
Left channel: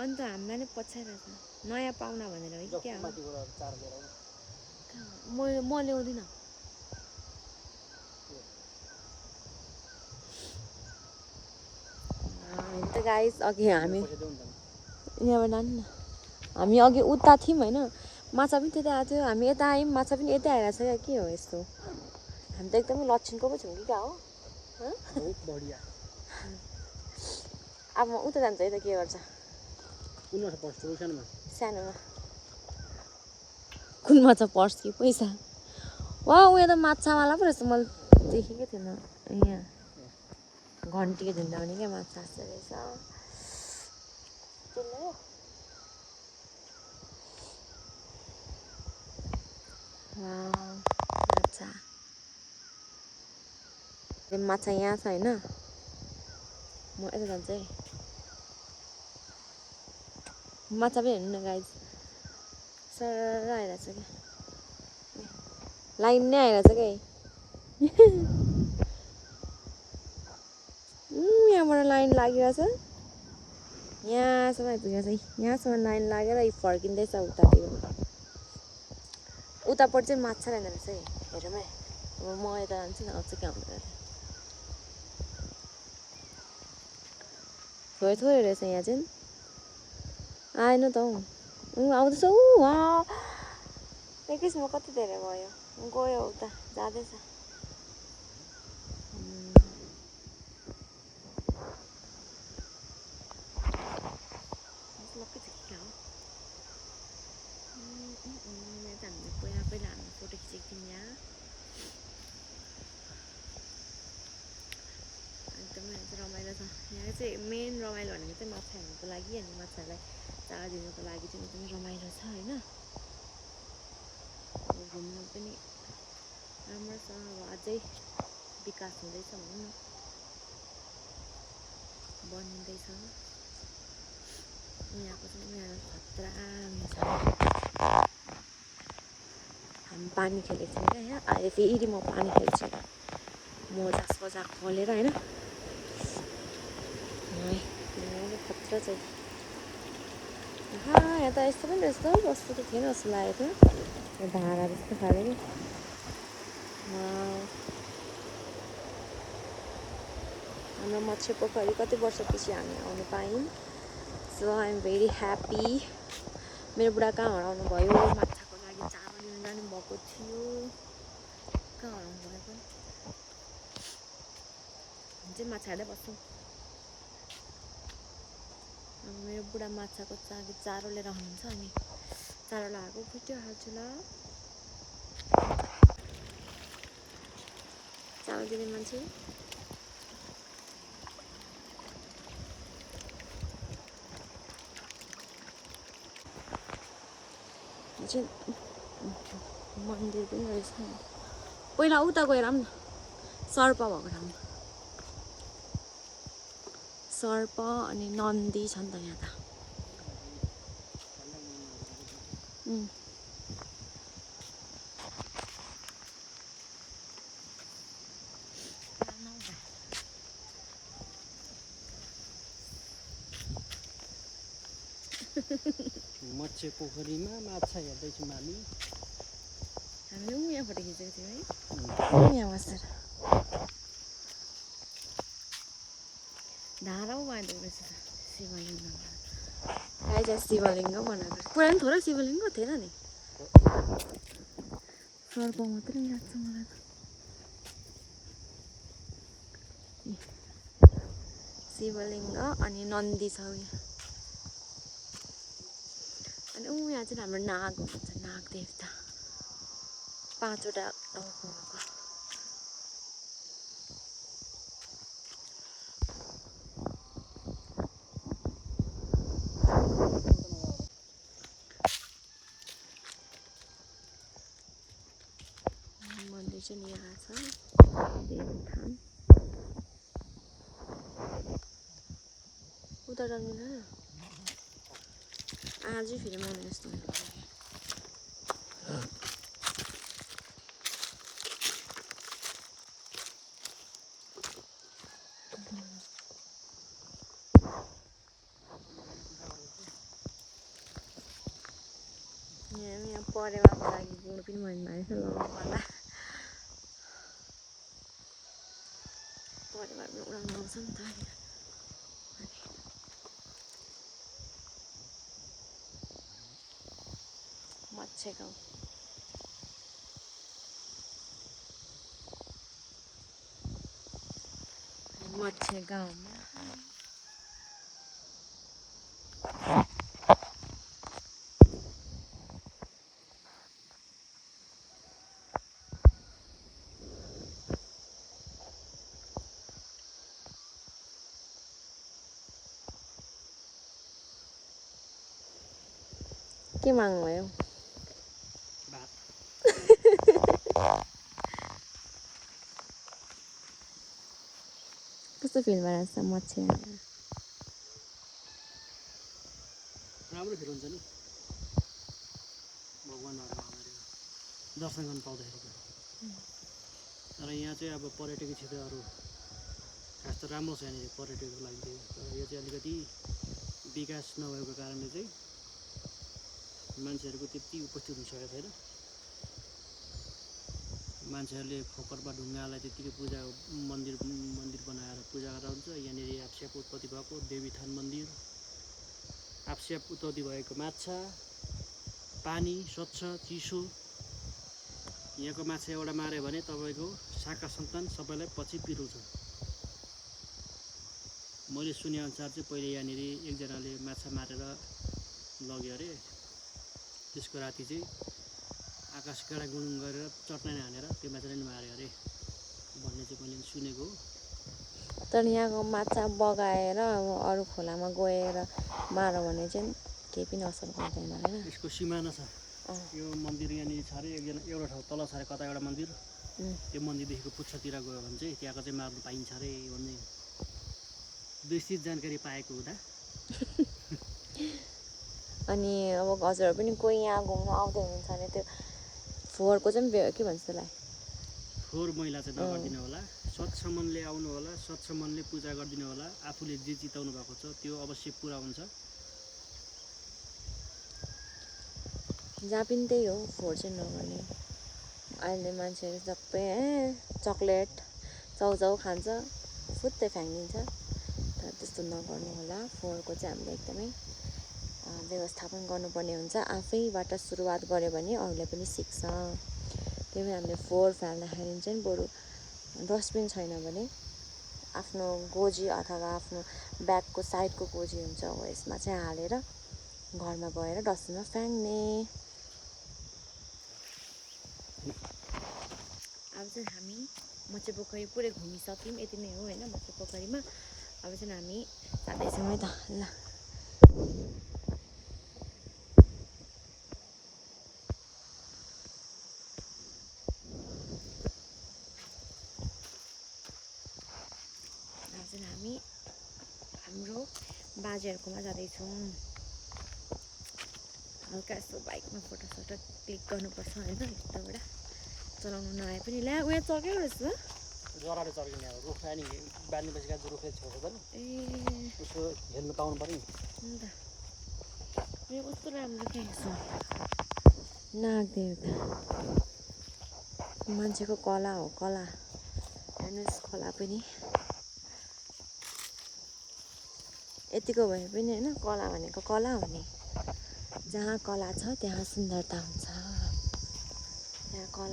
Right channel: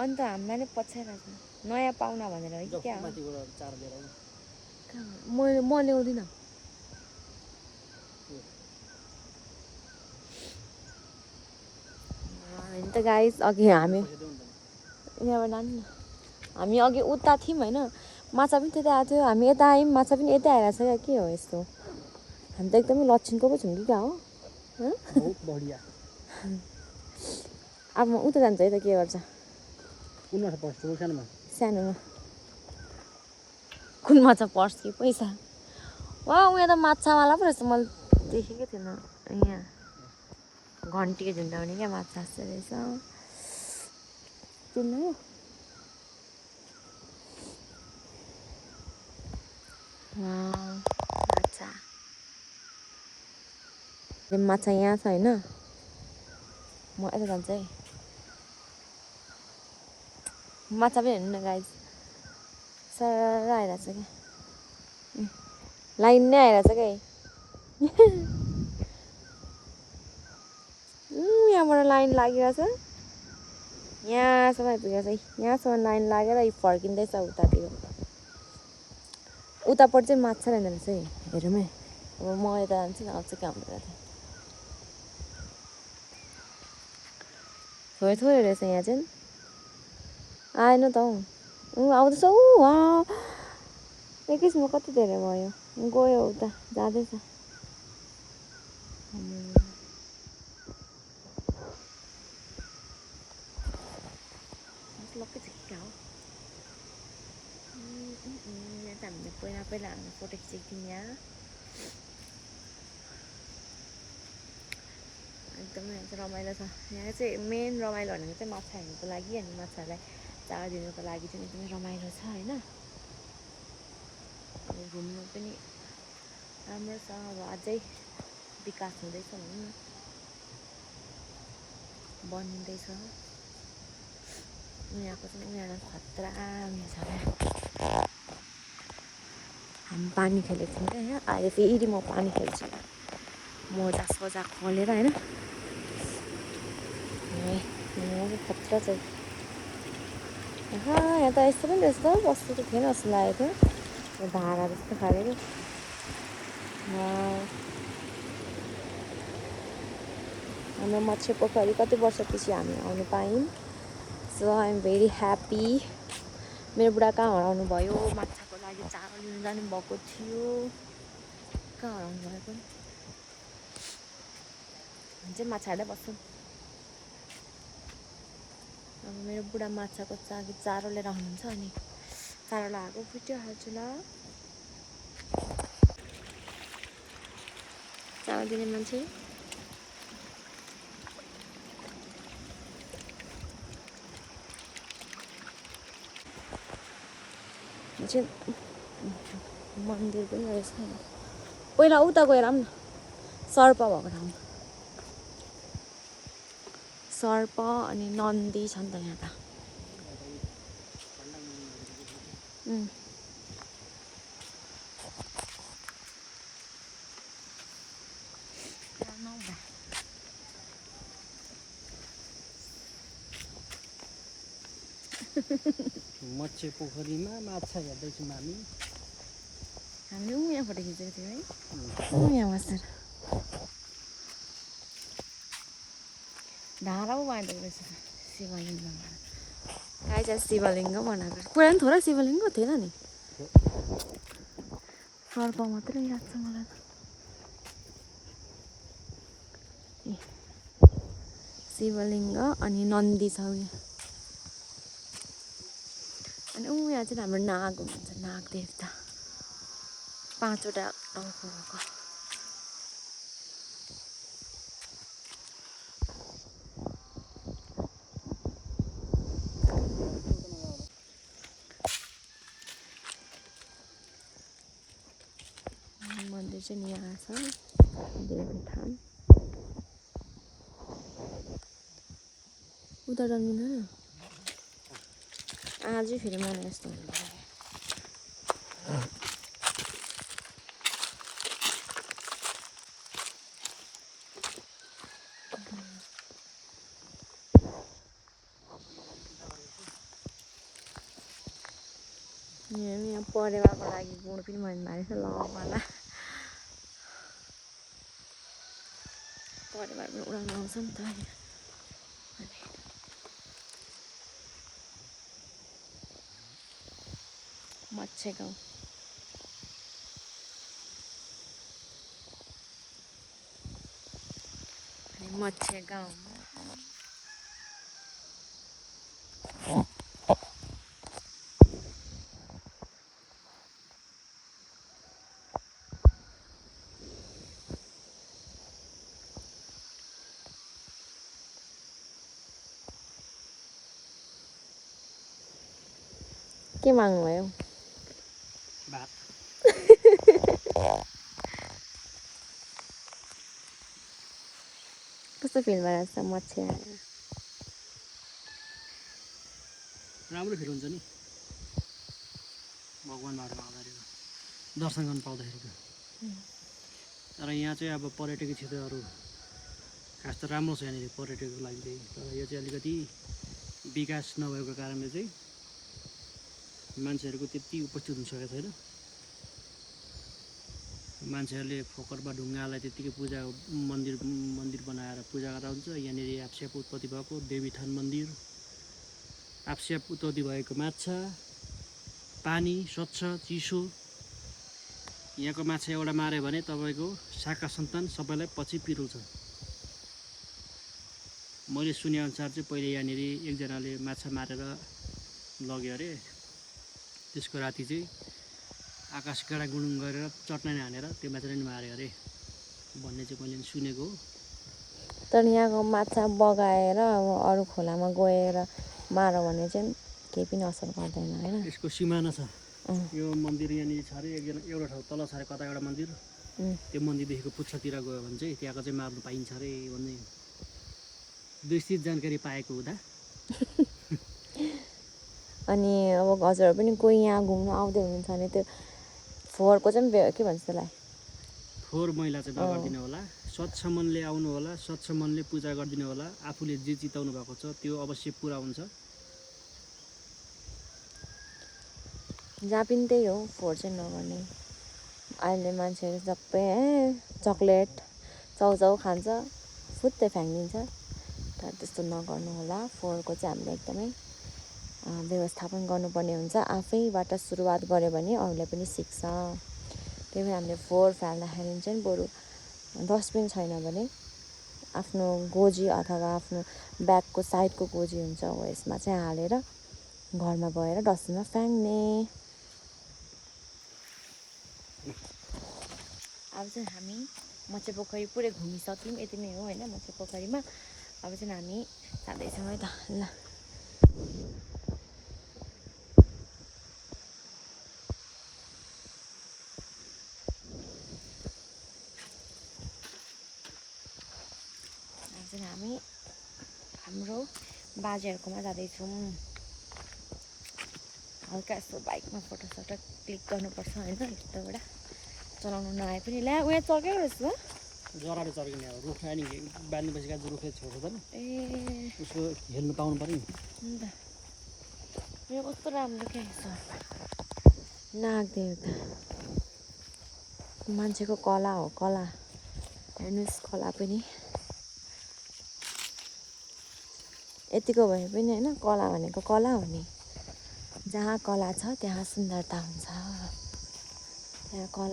अन्त हामीलाई नै पछ्याइरहेको छ, नयाँ पाहुना भनेर है कि क्या हो। माथिबाट चार लिएर आउनु। म ल्याउँदिनँ। होइन त गाइस, अघि हामी यहाँबाट लानु न। हामी अघि उता थियौँ होइन, माछा पनि त्यतै आएको थियो। हामी यता आयौँ, माछा पनि यतै आइरहेको छ क्या। के हो यस्तो? हामी त एकदमै लक्षिनको पो छौँ कि क्या हो। बहुत बढिया। अब म उता जान्छ है त के गर्छ? कुनमा छ पर्स ठुलो सानोमा? सानोमा। कुन माछा पर्स कि पैसा? वा उयो त माछावाला पो रहेछ, मैले देखेकै थिएन। यहाँ घन्टीको झुन्डाउने क्या माछा जस्तो रहेछ। चिन्नु? माछा माछा यहाँ छ होइन। म यता जान्छु है। माछा पनि हेर्नु न गाइस, सर आइरहेछ क्या, लाइन नै आइरहेछ क्या। यहाँबाट लाइन लागिरहेछ, यहाँसम्म आइपुगेको छ है। यहाँसम्म लाइन लागेर फर्किँदैछ उतातिर। उतापट्टि चाहिँ माछा रहेन रहेछ है, हेरौँ है। अब म यता जान्छु न, आउँछ क्या हाम्रो यता। थोरै थोरै रहेछ यहाँ चाहिँ। आएन त हौ, आउँदैछ। एकैछिनमा कति धेरै भयो, गयो उता जाँदैछ। लक्कै छ कि क्या हो? यहाँ चाहिँ हामीले पहिला हामीले फोटो खिचेको थियौँ। यहाँ एकदमै यहाँ चाहिँ रमाइलो छ। यहाँ चाहिँ मेन रमाइलो भनेको चाहिँ माछा हेर्नुको लागि अनि माछाहरूलाई चारो दिनुको लागि चाहिँ एकदमै रमाइलो छ होइन। अब घुम्नु पनि राम्रो छ। अब अझै विकास हुँदैछ भनौँ न, बनिँदैछ। यहाँको चाहिँ उनीहरू खतरा हुन्छ। हामी पानी खेलेको छौँ क्या यहाँ। अहिले फेरि म पानी खेल्छु, मोजा सोजा खोलेर होइन। खतरा छ। यहाँ त यस्तो पनि रहेछ त, बस्नु त थिएन जस्तो लागेको थियो। धारा जस्तो खाले क्या। हाम्रो मत्स्य पोखरी कति वर्षपछि हामी आउनु पायौँ। So I am very happy. मेरो बुढा कहाँ हराउनु भयो, माछाको लागि चारो लिनु जानु भएको थियो। कहाँ हराउनु भयो पनि? हामी चाहिँ माछा हेर्दै बस्छौँ। अब मेरो बुढा माछाको लागि चारो लिएर आउनुहुन्छ, अनि चारो लगाएको भिडियो हाल्छु ल। चारो दिने मान्छे चाहिँ मन्दिर पनि रहेछ। पहिला उता गएर आऊँ न, सर्प भएको ठाउँमा। सर्प अनि नन्दी छ नि त यहाँ त। मत्स्य पोखरीमा माछा हेर्दैछौँ हामी। हामीले यहाँ फोटो खिचेको थियौँ है, यहाँ बसेर। धारा पो बाँधेको रहेछ शिवलिङ्ग भनेर। आइज शिवलिङ्ग बनाएको। पुरानो थोरै शिवलिङ्ग थिएन नि, सर्प मात्रै लाग्छ मलाई त। शिवलिङ्ग अनि नन्दी छ उयो। अनि यहाँ चाहिँ हाम्रो नाग हुनुहुन्छ, नाग देवता। 5वटा टाउको भएको। मन्दिर चाहिँ यहाँ छ। देवठान उता जन्मिँदैन आजै फेरि मलाई यस्तो यहाँ परेवाको लागि गुड पनि भन्नु भएको छ लगाउनुलाई परेवा पनि उडाउनु आउँछ नि त मच्छे गाउँ मच्छे गाउँ के माग्नुभयो भात कस्तो फिल भइरहेको छ मच्छे आएर राम्रो फिल हुन्छ नि भगवान्हरूमा आउँदाखेरि दर्शन गर्न पाउँदाखेरि त तर यहाँ चाहिँ अब पर्यटकीय क्षेत्रहरू खास त राम्रो छ यहाँनिर पर्यटकको लागि चाहिँ तर यो चाहिँ अलिकति विकास नभएको कारणले चाहिँ मान्छेहरूको त्यति उपस्थित हुन सकेको छैन मान्छेहरूले फोकटमा ढुङ्गालाई त्यतिकै पूजा मन्दिर बनाएर पूजा गर्दा हुन्छ यहाँनिर आफस्याप उत्पत्ति भएको देवीथान मन्दिर आफस्याप उत्पत्ति भएको माछा पानी स्वच्छ चिसो यहाँको माछा एउटा माऱ्यो भने तपाईँको शाखा सन्तान सबैलाई पछि पिरोल्छ मैले सुनेअनुसार चाहिँ पहिले यहाँनिर एकजनाले माछा मारेर लग्यो अरे त्यसको राति चाहिँ आकाश गाडा गुडुङ गरेर चट्टान हानेर त्यो माछा नि मार्यो अरे भन्ने चाहिँ मैले सुनेको हो तर यहाँको माछा बगाएर अब अरू खोलामा गएर मार्यो भने चाहिँ केही पनि असर गर्दैन होइन यसको सिमाना छ यो मन्दिर यहाँनिर छ अरे एउटा ठाउँ तल छ अरे कता एउटा मन्दिर त्यो मन्दिरदेखिको पुच्छतिर गयो भने चाहिँ त्यहाँको चाहिँ मार्नु पाइन्छ अरे भन्ने विस्तृत जानकारी पाएको हुँदा अनि अब हजुरहरू पनि कोही यहाँ घुम्न आउँदै हुनुहुन्छ भने त्यो फोहोरको चाहिँ के भन्छ त्यसलाई फोहोर मैला चाहिँ नगरिदिनु होला स्वच्छ मनले आउनु होला स्वच्छ मनले पूजा गरिदिनु होला आफूले जे चिताउनु भएको छ त्यो अवश्य पुरा हुन्छ जहाँ पनि त्यही हो फोहोर चाहिँ नगर्ने अहिले मान्छेहरू सबै चक्लेट चाउचाउ खान्छ फुत्तै फ्याँकिदिन्छ तर त्यस्तो नगर्नु होला फोहोरको चाहिँ हामीले एकदमै व्यवस्थापन गर्नुपर्ने हुन्छ आफैबाट सुरुवात गऱ्यो भने अरूले पनि सिक्छ त्यही भएर हामीले फोहोर फाल्दाखेरि चाहिँ बरु डस्टबिन छैन भने आफ्नो गोजी अथवा आफ्नो ब्यागको साइडको गोजी हुन्छ हो यसमा चाहिँ हालेर घरमा गएर डस्टबिनमा फ्याँक्ने अब चाहिँ हामी मच्छे पोखरी पुरै घुमिसक्यौँ यति नै हो होइन मच्छे पोखरीमा अब चाहिँ हामी जाँदैछौँ है त ल चाहिँ हामी हाम्रो बाजेहरूकोमा जाँदैछौँ हल्का यसो बाइकमा फोटोसोटो क्लिक गर्नुपर्छ होइन यताबाट चलाउनु नआए पनि ल्या उयो चल्कै रहेछ जराले चर्किने अब रुख अनि बाँध्नेपछि गाज रुखले छेउछ त नि ए उसको हेर्नु पाउनु पऱ्यो नि अन्त यो कस्तो राम्रो के रहेछ नाग देवता मान्छेको कला हो कला हेर्नुहोस् कला पनि यतिको भए पनि होइन कला भनेको कला हो नि जहाँ कला छ त्यहाँ सुन्दरता हुन्छ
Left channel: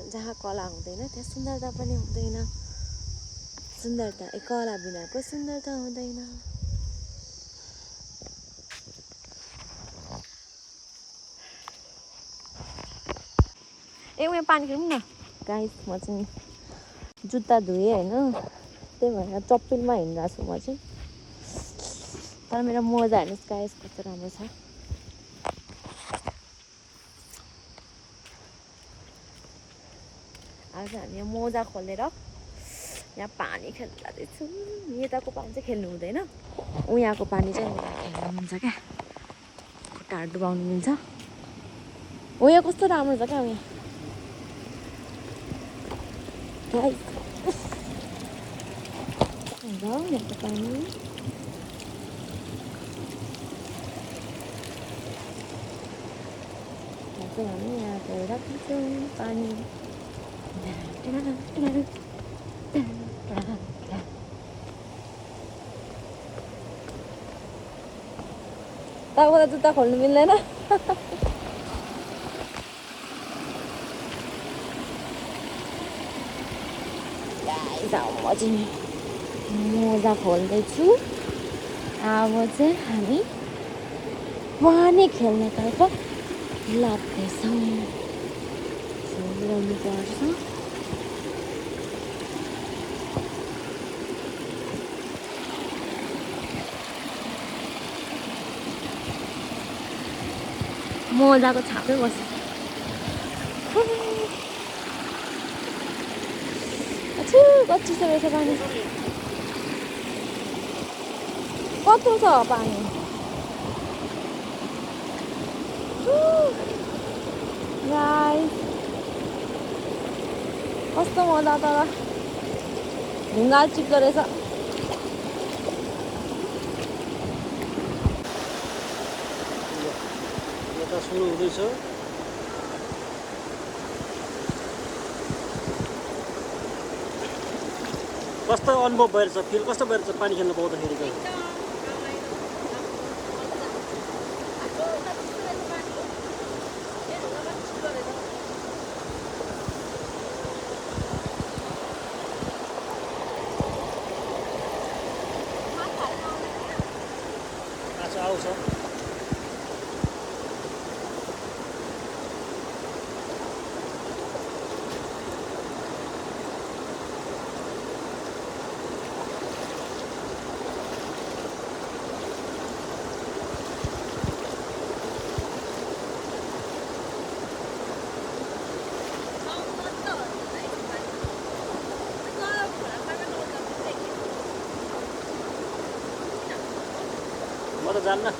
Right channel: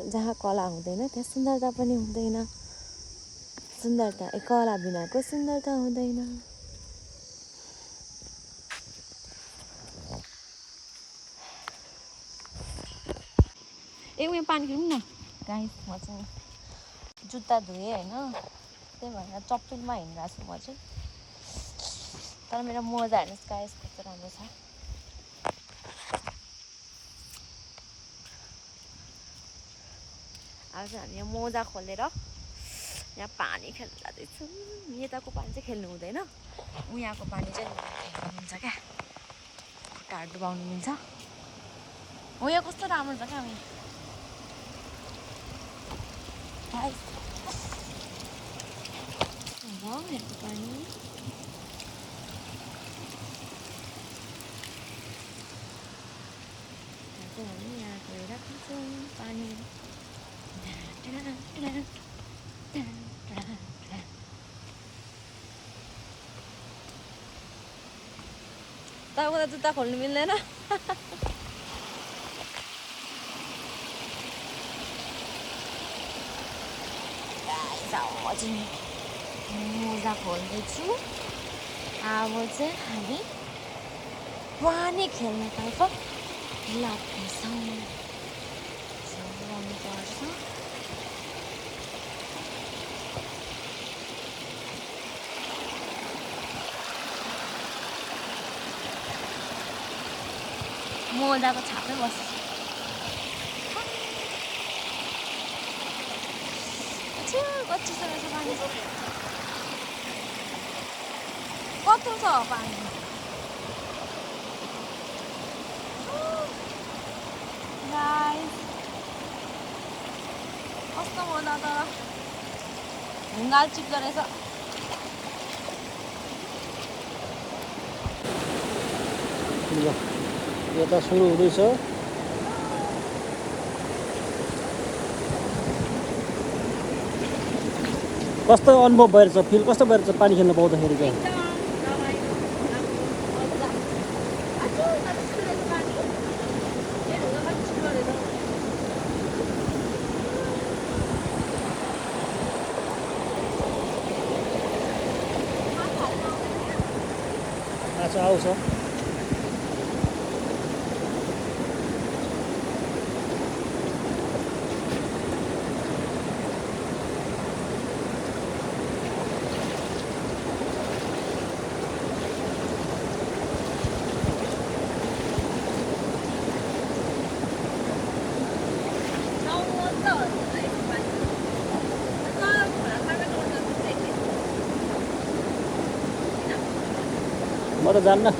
जहाँ कला हुँदैन त्यहाँ सुन्दरता पनि हुँदैन सुन्दरता कला बिनाको सुन्दरता हुँदैन उयो पानी पिउँ न गाइस म चाहिँ जुत्ता धोएँ होइन त्यही भएर चप्पलमा हिँड्नु छु म चाहिँ तर मेरो मोजा हेर्नुहोस् गाइस कस्तो राम्रो छ आज हामी यो मोजा खोलेर यहाँ पानी खेल्न जाँदैछु यताको पानी चाहिँ खेल्नु हुँदैन यहाँको पानी चाहिँ खेल्नु मिल्छ क्या खुट्टाहरू डुबाउनु मिल्छ यहाँ कस्तो राम्रो छ क्या यहाँको पानी हामी यहाँ गएर पिन्छौँ पानी तपाईँको जुत्ता खोल्नु मिल्दैन मोजा खोल्दैछु अब चाहिँ हामी पानी खेल्नतर्फ लाग्दैछौँ गर्नुपर्छ मोजाको छापै बस्छ कति छ रहेछ पानी कत्रो छ पानी गाइस कस्तो मजा तर ढुङ्गा चिप्लो रहेछ यता सुरु हुँदैछ कस्तो अनुभव भइरहेछ फिल कस्तो भइरहेछ पानी खेल्न पाउँदाखेरिको माछा आउँछ म त जान्न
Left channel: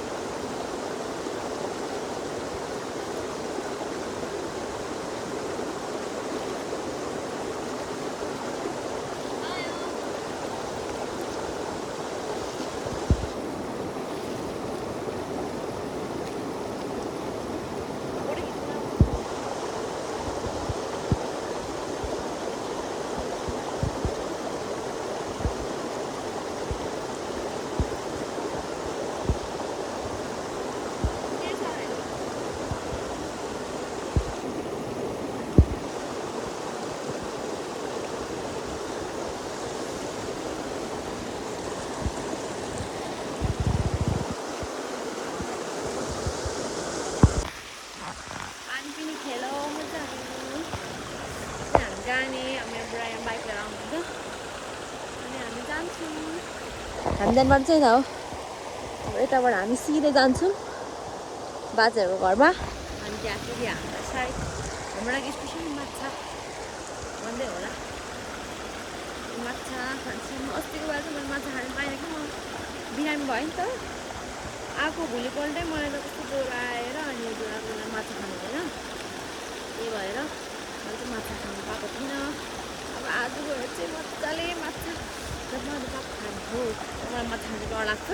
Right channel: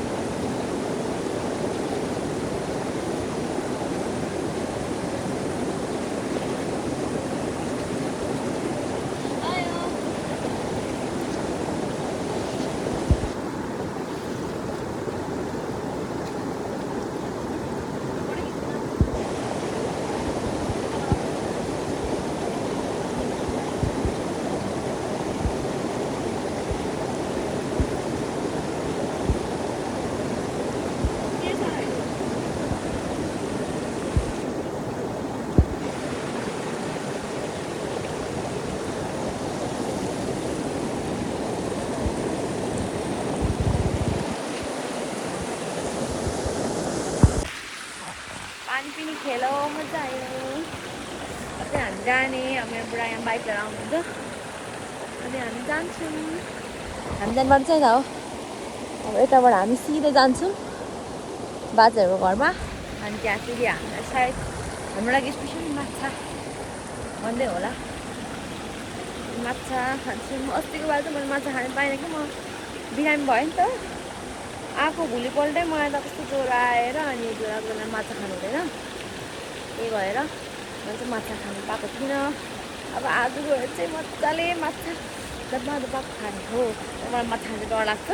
पानी पनि खेलो मजा आयो अझै हामी जाने अब मेरो बुढा यहाँ बाइक लिएर आउनुहुन्छ अनि हामी जान्छौँ हामी जानुपर्छ नि त हो अब यताबाट हामी सिधै जान्छौँ बाजेहरूको घरमा अनि त्यहाँ फेरि हामीलाई सायद हाम्रो लागि स्पेसली माछा भन्दै होला माछा खान्छौँ अस्तिको बार चाहिँ मैले माछा खानु पाइनँ कि म बिरामी भयो नि त आएको भोलिपल्टै मलाई त कस्तो ज्वरो आएर अनि यो ज्वरोको बेला माछा खानु हुँदैन त्यही भएर मैले चाहिँ माछा खानु पाएको थिइनँ अब आज गएर चाहिँ मजाले माछा दबादबा खाने हो मलाई माछा खानु डर लाग्छ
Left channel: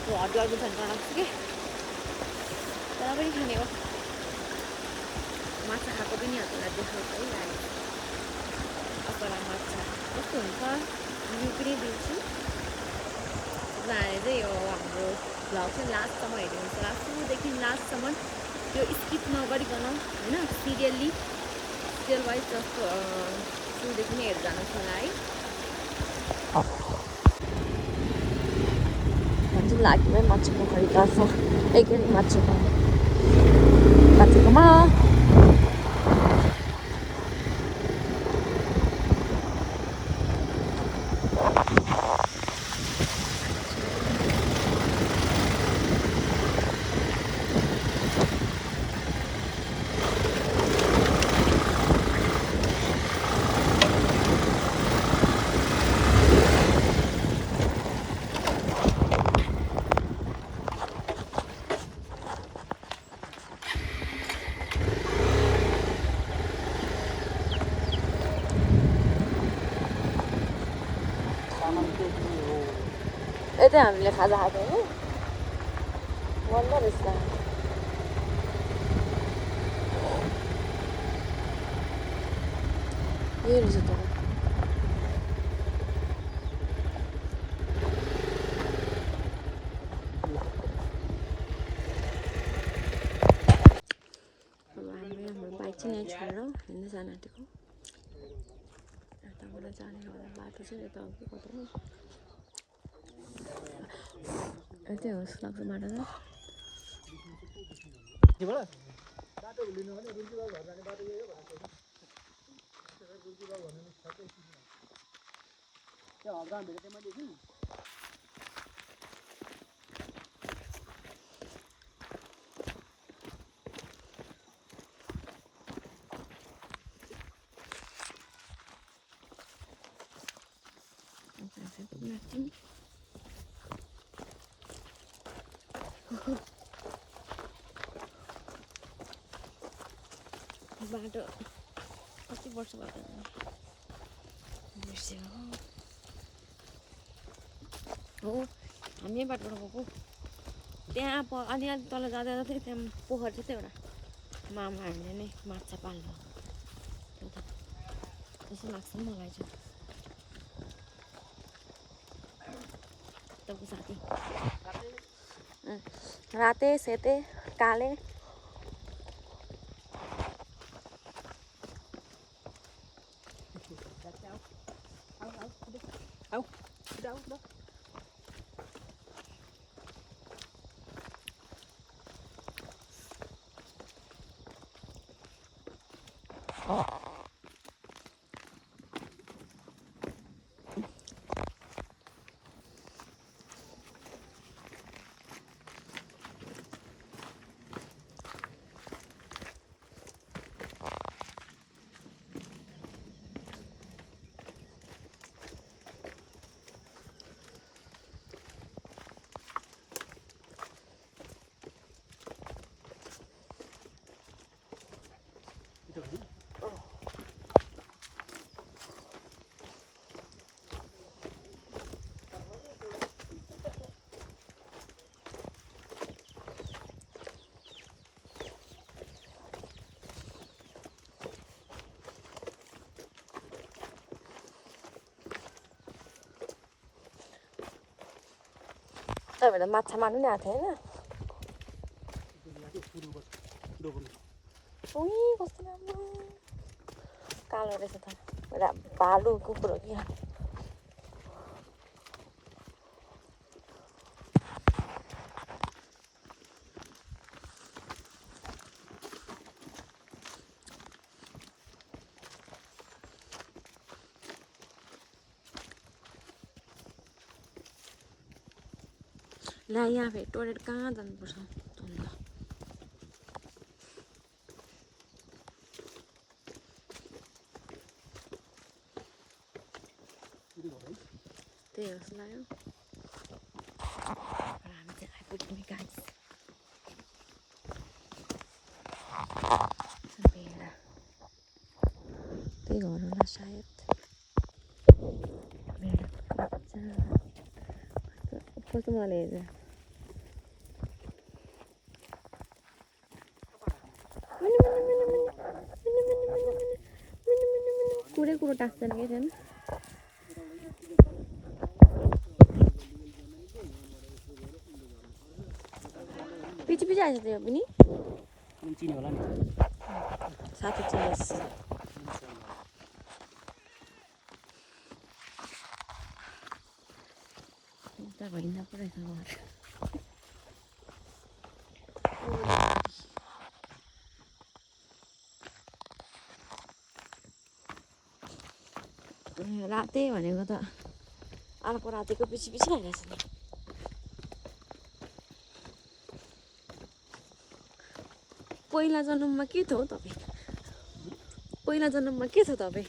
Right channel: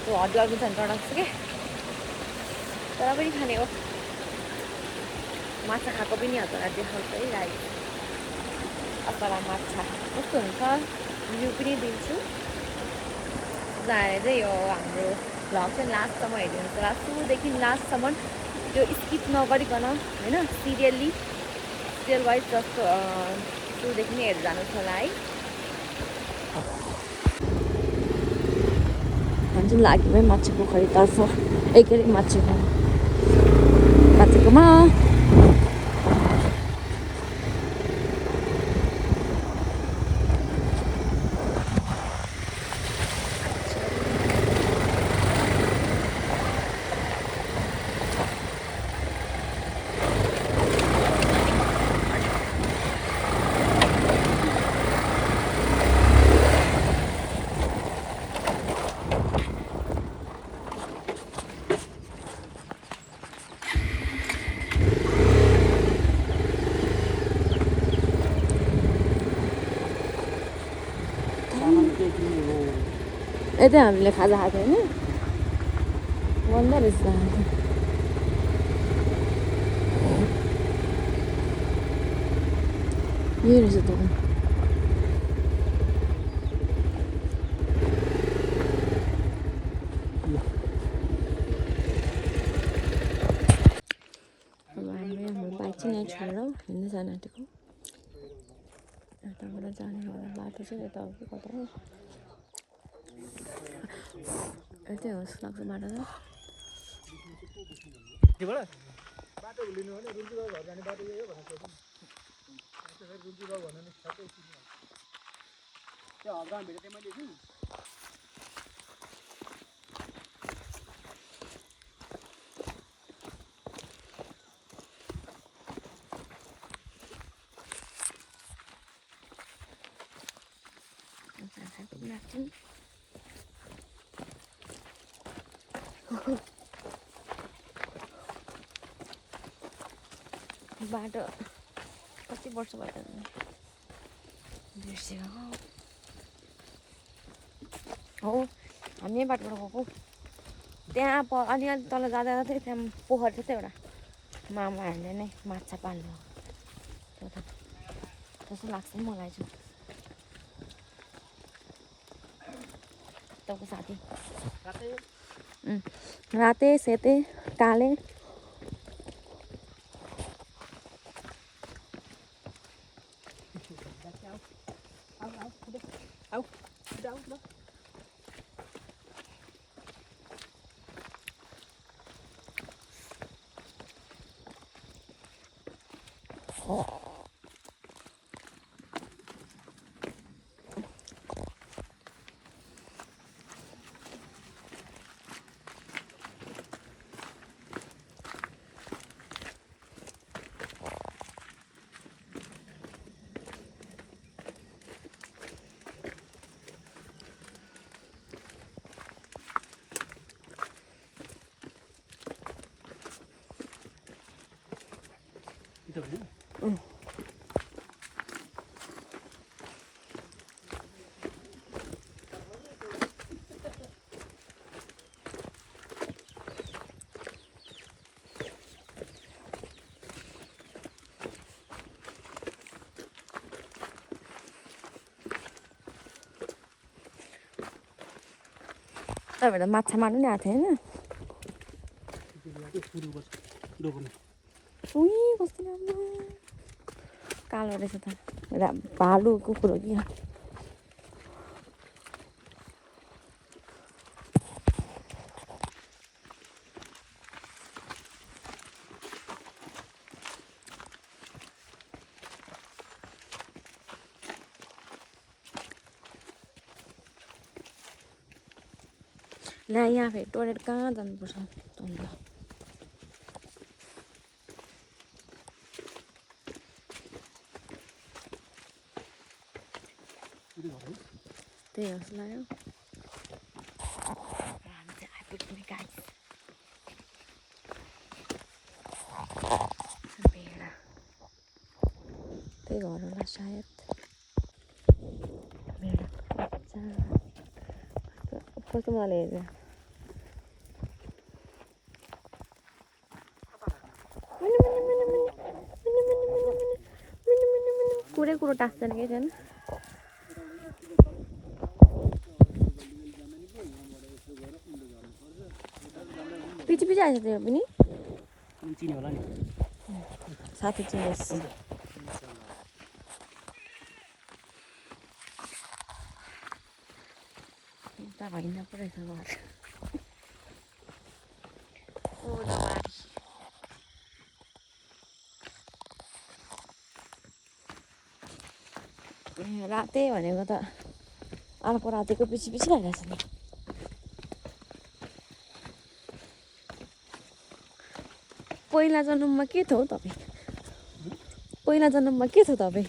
त्यो हड्डी अघि खानु डर लाग्छ कि तर पनि खाने हो माछा खाएको पनि हजुरलाई देखाउँछै लाग्यो असला माछा कस्तो हुन्छ रिभ्यू पनि दिन्छु जाने चाहिँ यो हाम्रो भ्लग चाहिँ लास्टसम्म हेरिदिनुहोस् होला सुरुदेखि लास्टसम्म त्यो स्किप नगरिकन होइन सिरियल वाइज जस्तो सुरुदेखि नै हेरेर जानुहोस् होला है भन्छ लाग्यो माछाको खरिदार्छ एकै माछाकोमा यतै हामीले खाजा खाएको होइन मन्दा रहेछ यही रहेछ त अब हामीले हाम्रो बाइक चाहिँ यहाँ छोडेर हिँड्न जान आँटेको यताबाट जाने होला बाटो चाहिँ यता हो कि कता हो यतै हो जस्तो लाग्छ बाटो बाटो कति वर्ष भयो बिर्सेको हो हामी यही बाटोबाट गएको त्यहाँ अलि तल जाँदा जाँदै त्यहाँ पोखर थियो एउटा मामाहरूले नै माछा पाल्नु एउटा जस्तो लाग्छ नि मलाई चाहिँ तपाईँको साथी राते सेते काले तपाईँहरूलाई माछा मार्नु नि आएको थियो होइन उही कस्तो राम्रो कालो रहेछ त भालु कुकुर हो कि ला यहाँ फेरि टोइलेट कहाँ जानुपर्छ अन्त त्यही जस्तो लाग्यो हामी चाहिँ आइपुग्ने गाडी भेडा त्यही घर होला सायद भेडा बच्चा कस्तो मजाले हेर्छ कुरै कुरो टाँस्दैन कि छैन पछि पछि आएछ त्यो पनि चिने होला नि साथी चिनेछ यता हिँड्न पो रहेछ राते भनेको त अर्को रातिको पछि पछि भइरहेछ नि पहिला जन्ममा के थियो तपाईँ पहिला जन्ममा के थियो तपाईँ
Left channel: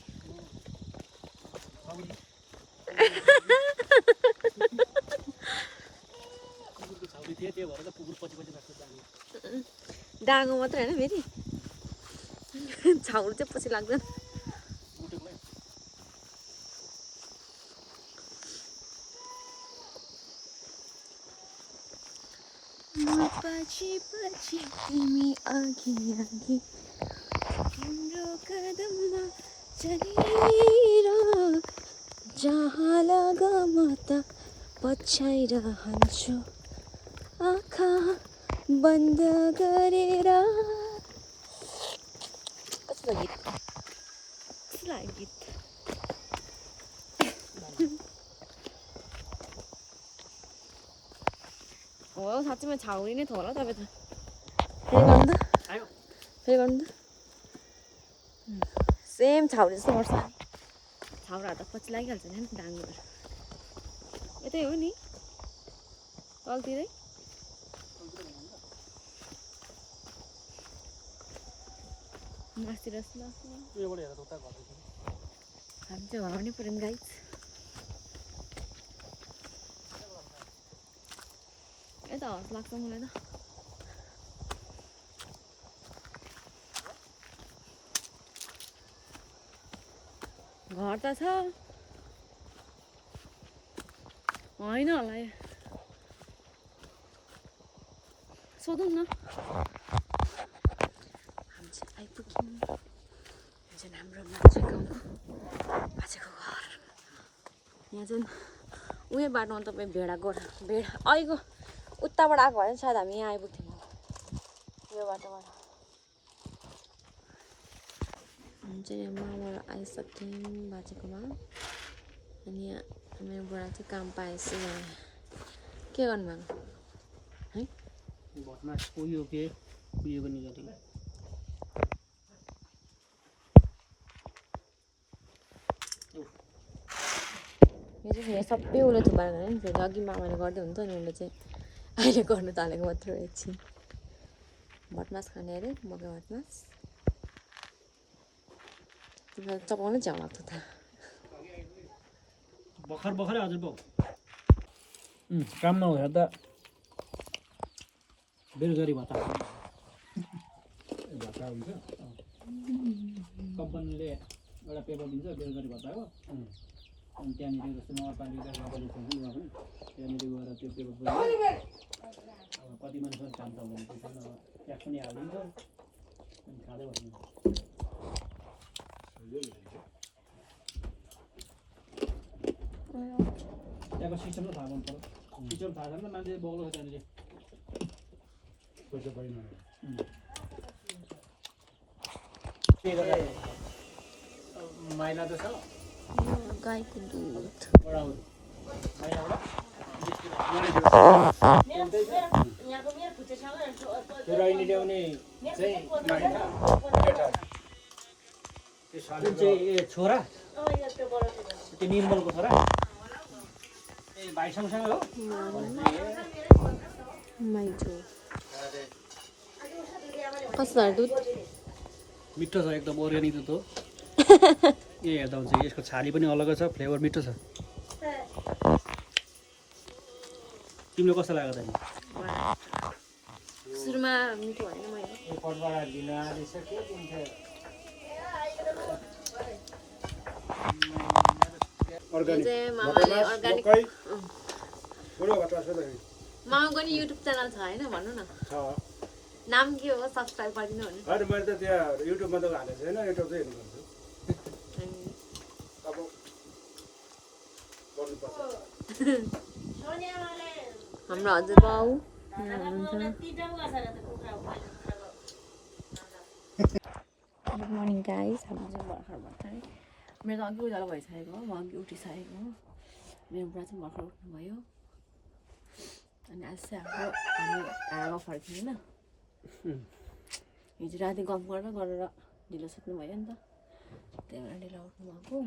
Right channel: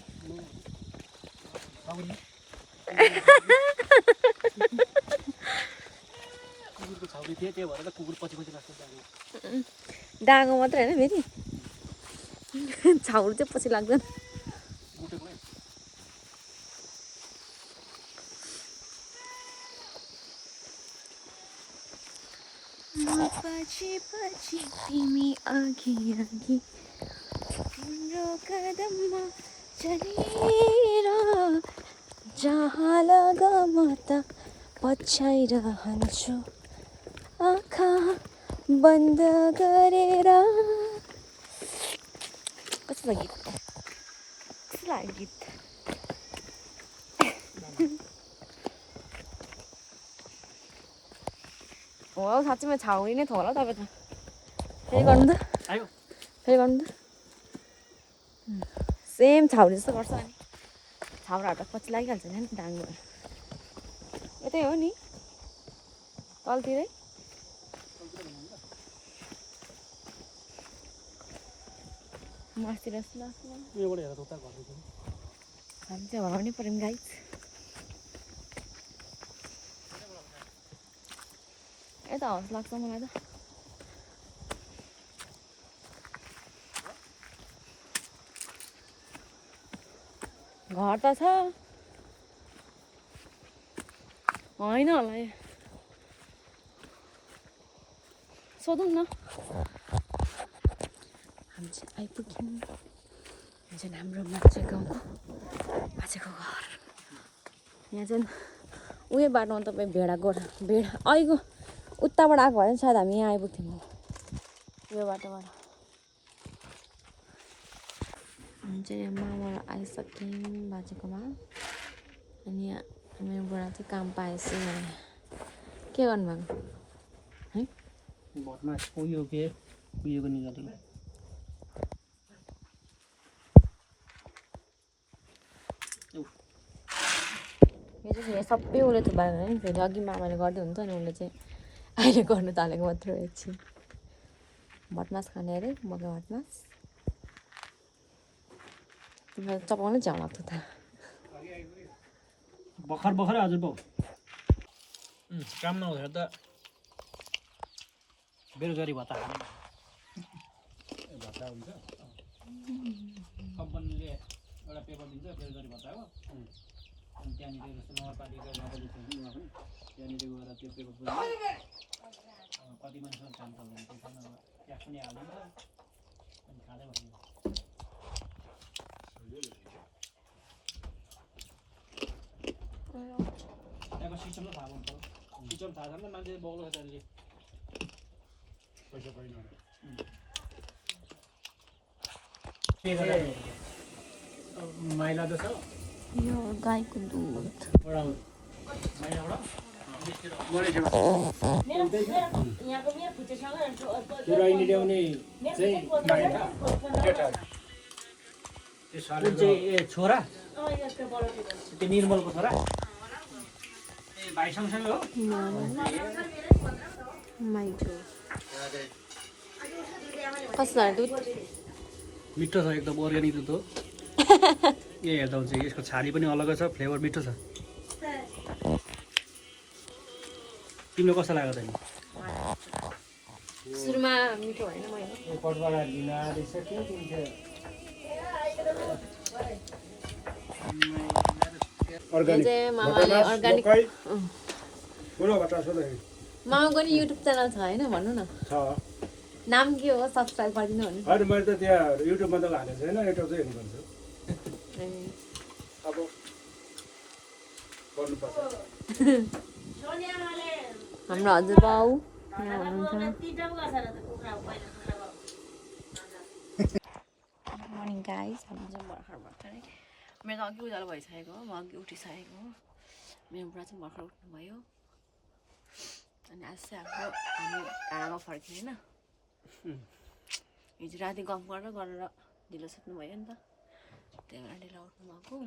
डाँगो मात्रै होइन फेरि छाउहरू चाहिँ पछि लाग्दैन पछि पछि तिमी अघि अघि हाम्रो कदममा चढेर जहाँ लगम त पछ्याइरहन्छु आँखा बन्द गरेर। कस्तो गीत कस्तो लाग्यो गीत। हो साँच्चीमा छाउरी नै थियो होला तपाईँ त। फेरि गर्नु त आयो फेरि गर्नु त। सेम छाउरी जस्तो गर्छ अनि छाउराहरू त पछि लागिहाल्छ नि डाङ्गोहरू। यतै हो नि तलतिरै। मासतिर जस्तो लाग्छ मलाई। उयोबाट हेरेर उता गर्दैछु हामी चाहिँ हराउनै पऱ्यो नि गाइस। यता हौस लाग्छ मलाई त। घर त छ होइन होला यो। सोधौँ न। हामी चाहिँ आइपुग्यौँ। यो चाहिँ हाम्रो माछे गाउँको माछेको घर। यहाँ चाहिँ उयो बाटोमा तपाईँ भेडा अहिलेको उताबाट आएको भए पनि सायद हामी यहाँ आइपुग्थ्यौँ। यो बाटोबाट हामी चाहिँ यहाँ मामा आइसक्यौँ बाजेकोमा। अनि यहाँ मेरो बुढा चाहिँ काम पाएछु यहाँ। के गर्नुभएको है भटमा उयो के उयोको निकाल्यो। यो चाहिँ यहाँ सबै उसले थुपारेर नि फेरि अघि मामाले गर्दै हुन्थ्यो नि उसले चाहिँ अहिले गर्नु थालेको मात्र हो एकछिन। भटमास खाने अरे मकै भटमास। तिमीलाई चपाउनै च्याउ लाग्थ्यो त। भर्खरै हजुर बाउ काम नहुँदा त बेरोजगारी भत्ता हुन्छ। कम्पनीले एउटा पेपर दिन्छ बेरोजगारी भत्ता हो। अनि त्यहाँनिर जस्तो नगरपालिका त्यहाँनिर गएर त्यो पेपर कति मान्छे काम त हुँदैन पैसा ट्याक्स पनि हालिदिन्छ अनि खाँदै बस्नु। त्यहाँको सिस्टम त थाहा हुनु पर्यो। सिस्टम थाहा छैन मान्छे बग्लो छ त्यहाँनिर पैसा पाइन माइला त छ यो गाईको दुध छोरा त्यो निर्मलको छोरा ए भाइ सँगसँगै हो। माइजो कस्तो दुध मिठो छ एकदम अर्ग्यानिक दुध हो। ए हेर्दा हुन्छ यसको छाली पनि अलगै छ फ्लेभर मिठो छ। तिमीलाई कस्तो लाग्यो त नि सुरुमा मिठो होइन मैले मामाले अर्ग्यानिक मामाको नि युट्युब च्यानल छ होइन भन्नु न नाम के हो सब्सक्राइब गरिदिनु भने। होइन मैले त त्यहाँ युट्युबमा त हालेको छैन युट्युब चाहिँ हेर्नुपर्छ अब गर्नुपर्छ। हाम्रो हजुरबाउ यहाँ हुनुहुन्छ। Good morning guys. हामी चाहिँ भर्खरै मेरो त अघि उज्यालो भइसकेको हो। म अघि उठिसकेको हो। मेरो बुढा चाहिँ भर्खर उठ्नुभयो। अनि आज चाहिँ हामी टाढामा फर्क्यौँ होइन। हिजो राति गफ गरेर ढिलो सुत्नु भयो नि त त्यही भएर ढिलो उठ्नु भएको।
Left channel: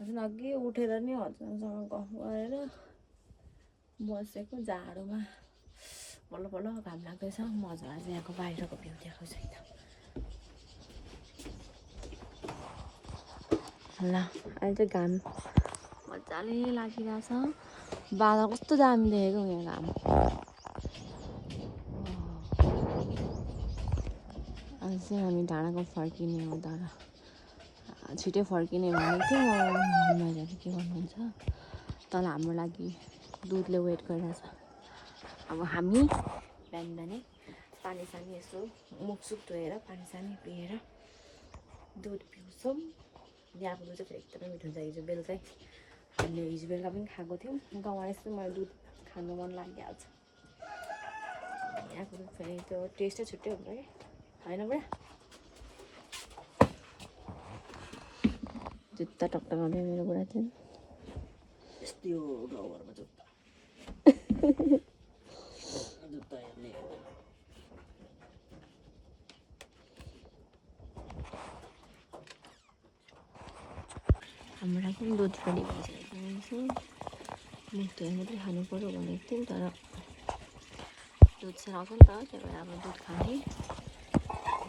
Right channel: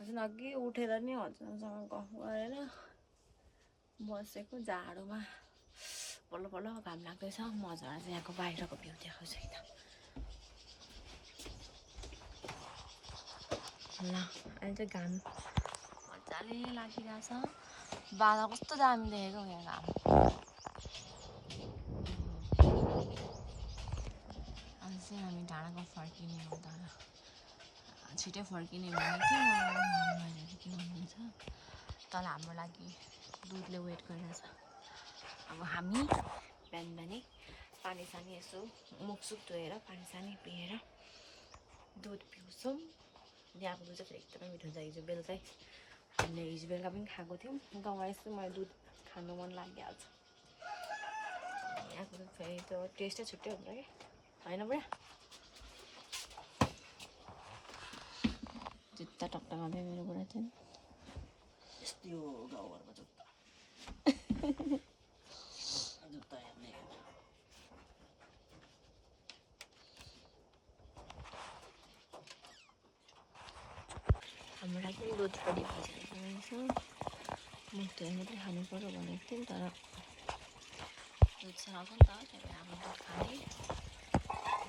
चाहिँ अघि उठेर नि हजुरसँग गफ गरेर बसेको जाडोमा बल्ल बल्ल घाम लाग्दैछ। मजाले चाहिँ यहाँको बाहिरको भ्यू देखाउँछु है त ल। अहिले चाहिँ घाम मजाले लागिरहेछ। बादल कस्तो दामी देखेको यो घाम। आज चाहिँ हामी डाँडाको फर्किने हो तर छिटै फर्किने भनेको थियो। के भन्नुहुन्छ तल हाम्रो लागि दुधले वेट गरिरहेछ। अब हामी बिहान बिहानै पानी सानी यसो मुखसुख धोएर पानी सानी पिएर दुध पिउँछौँ। यहाँको दुध चाहिँ फेरि एकदमै मिठो हुन्छ। हिजो बेलुकै हामीले हिजो बेलुका पनि खाएको थियौँ। गाउँमा यस्तो मलाई दुध खानु मन लागिहाल्छ। यहाँको दुध फेरि त्यो टेस्टै छुट्टै हुन्छ कि होइन बुढा? जुत्ता टक्टकाउँदै मेरो बुढा चाहिँ यस्तै हो गाउँघरमा जुत्ता जुत्ता हेर्ने हाम्रो पनि दुध पनि भइसकेको रहेछ। मुख धोएर मात्रै खानु पऱ्यो भनेको थियौँ तर दुध सराउँछ नि त, त्यही भएर अब दुध खाने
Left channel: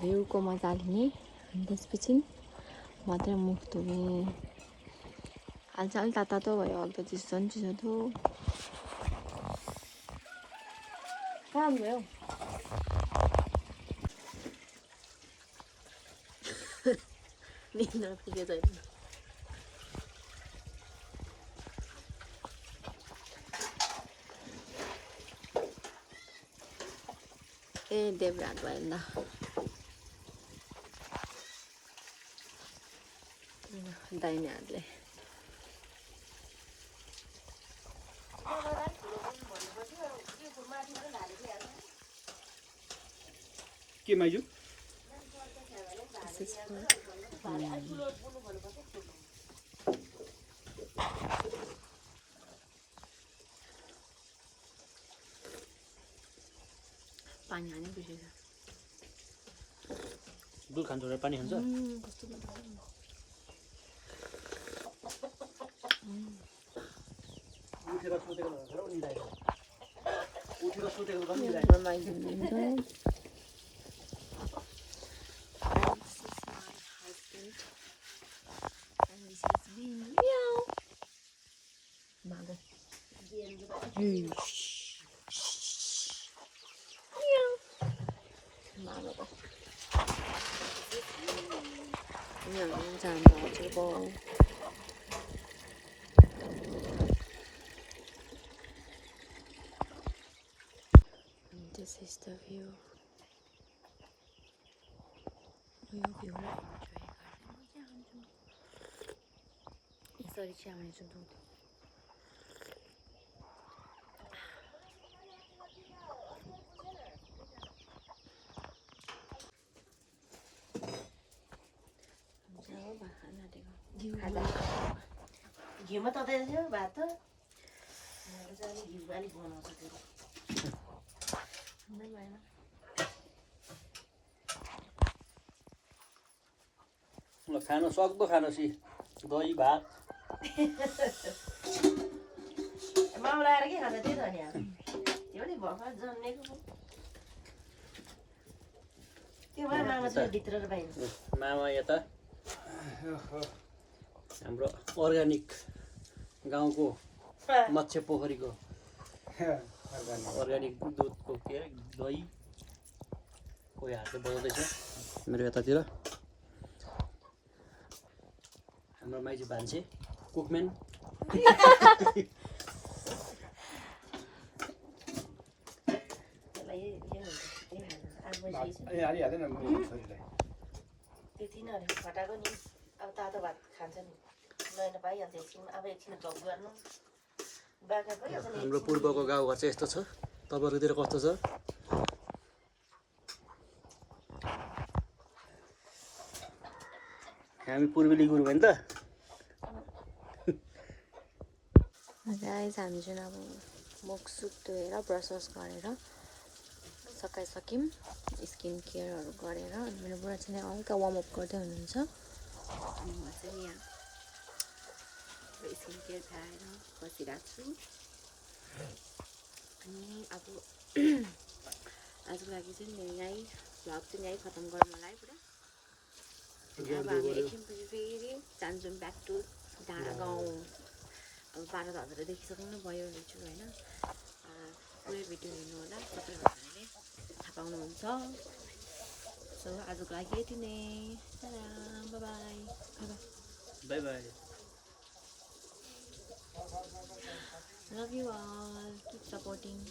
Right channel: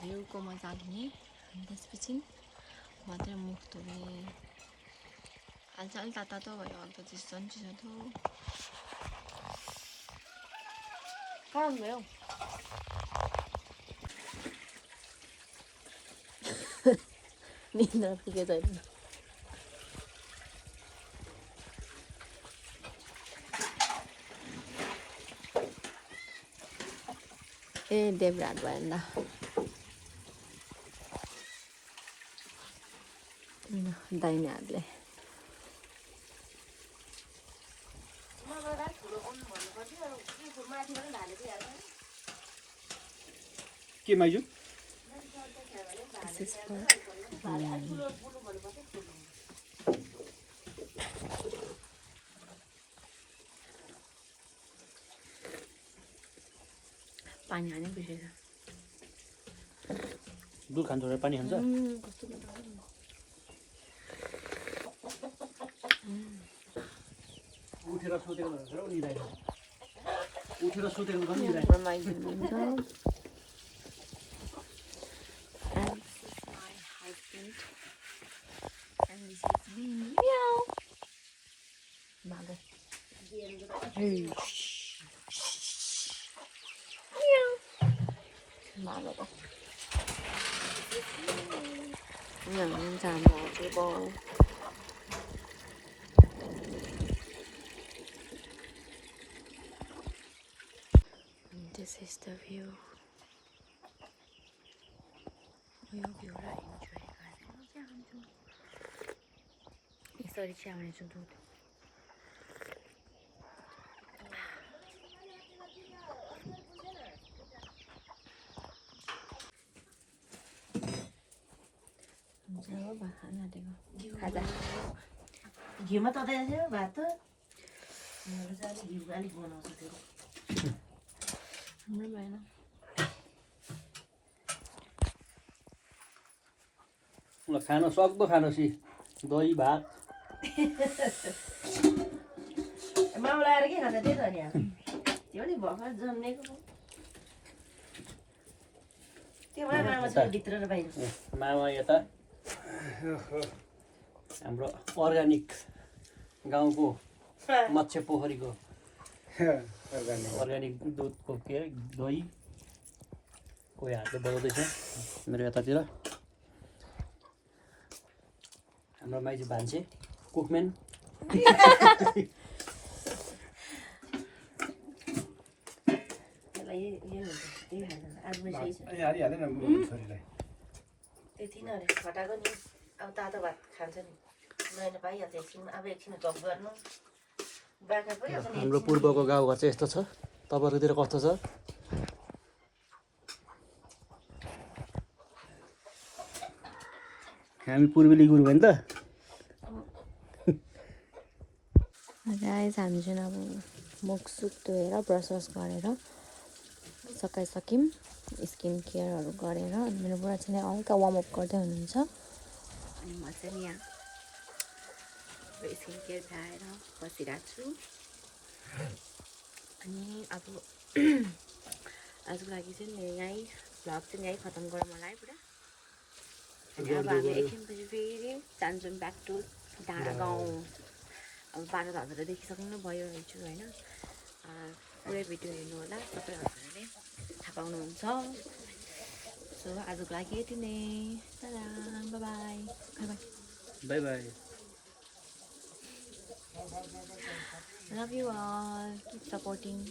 घिउको मजा लिने अनि त्यसपछि मात्रै मुख धुने। हालचाल तातो भयो, अब त चिसो नि चिसो थियो। कहाँ भयो निन्द्रा पुगेछ अहिले। ए देवरात भयो नि त दाहिने हातले। के माइजू पानी हाल्नै बिर्सेछ। दुध खान्छ भने पानी खान्छ। कस्तो उठेर सुतेको हुन्छ र निदाइन्छ। उठेर सुतेको पनि निदाइन्छ। रमाइदिनुहुन्छ। And this is my husband. And this is me. Meow. Mago. Meow. Mago to. Huनुहुन्छ हाम्रो हजुरबाउ। This is the view. यो भ्यूलाई इन्जोय गर्ने मजा आउँछ। यसरी चाहिँ आउनेछु दुध। घिउमा तताइदियो भात त घिउ अलिक बनाउँछ त्यो हाम्रो भएन। खान सक्दो खानुहोस् दही भात माउला आएर के खान्छ त्यही त नि अब त्यो नि भर्खर जन्मेको त्यो भएर मामा छ भित्र र बाहिर। मामा यता हाम्रो अर्ग्यानिक गाउँको मत्स्य पोखरीको अर्ग्यानिक दुधको के अरे दही कोही हातले बजाउँदैछ मेरो यतातिर। हाम्रो माइजू भान्से कुकम्यान। यति नै फटाएको नि अब तातो भात खान्छ नि नयाँ पाइहाल्छ एकछिन अब एकछिन झप गर्नु बाख्रा पनि अब हाम्रो पूर्वको गाउँघर चाहिँ यस्तो छ। तपाईँहरूतिर कस्तो छ? हामी पूर्वेली गुरु भयो नि त। गाइस हामी चाहिँ अब मुखसुख धोएर ब्रस गरेर सकाइसक्यौँ। स्किन केयरहरू गरेर अनि मेरो बुढा चाहिँ हल्का वार्मअप गर्दै हुनुहुन्छ। अनि म चाहिँ यहाँ स्किन केयर खाएर बसिरहेको छु। अनि अब आजको लागि चाहिँ यहीँ भ्लग चाहिँ यहीँ खतम गरौँ होला है पुरा। अब हामी एकछिनपछि फेरि जान्छौँ ब्याक टु डाँडा गाउँ। अब 12 हजुरले देखिसक्नु भयो हिजो होइन। पुरै भिडियो हेर्नु होला, सबै हजुरले थाहा पाउनुहुन्छ। सो आजको लागि यति नै। By by. By by. Love you all. Keep supporting.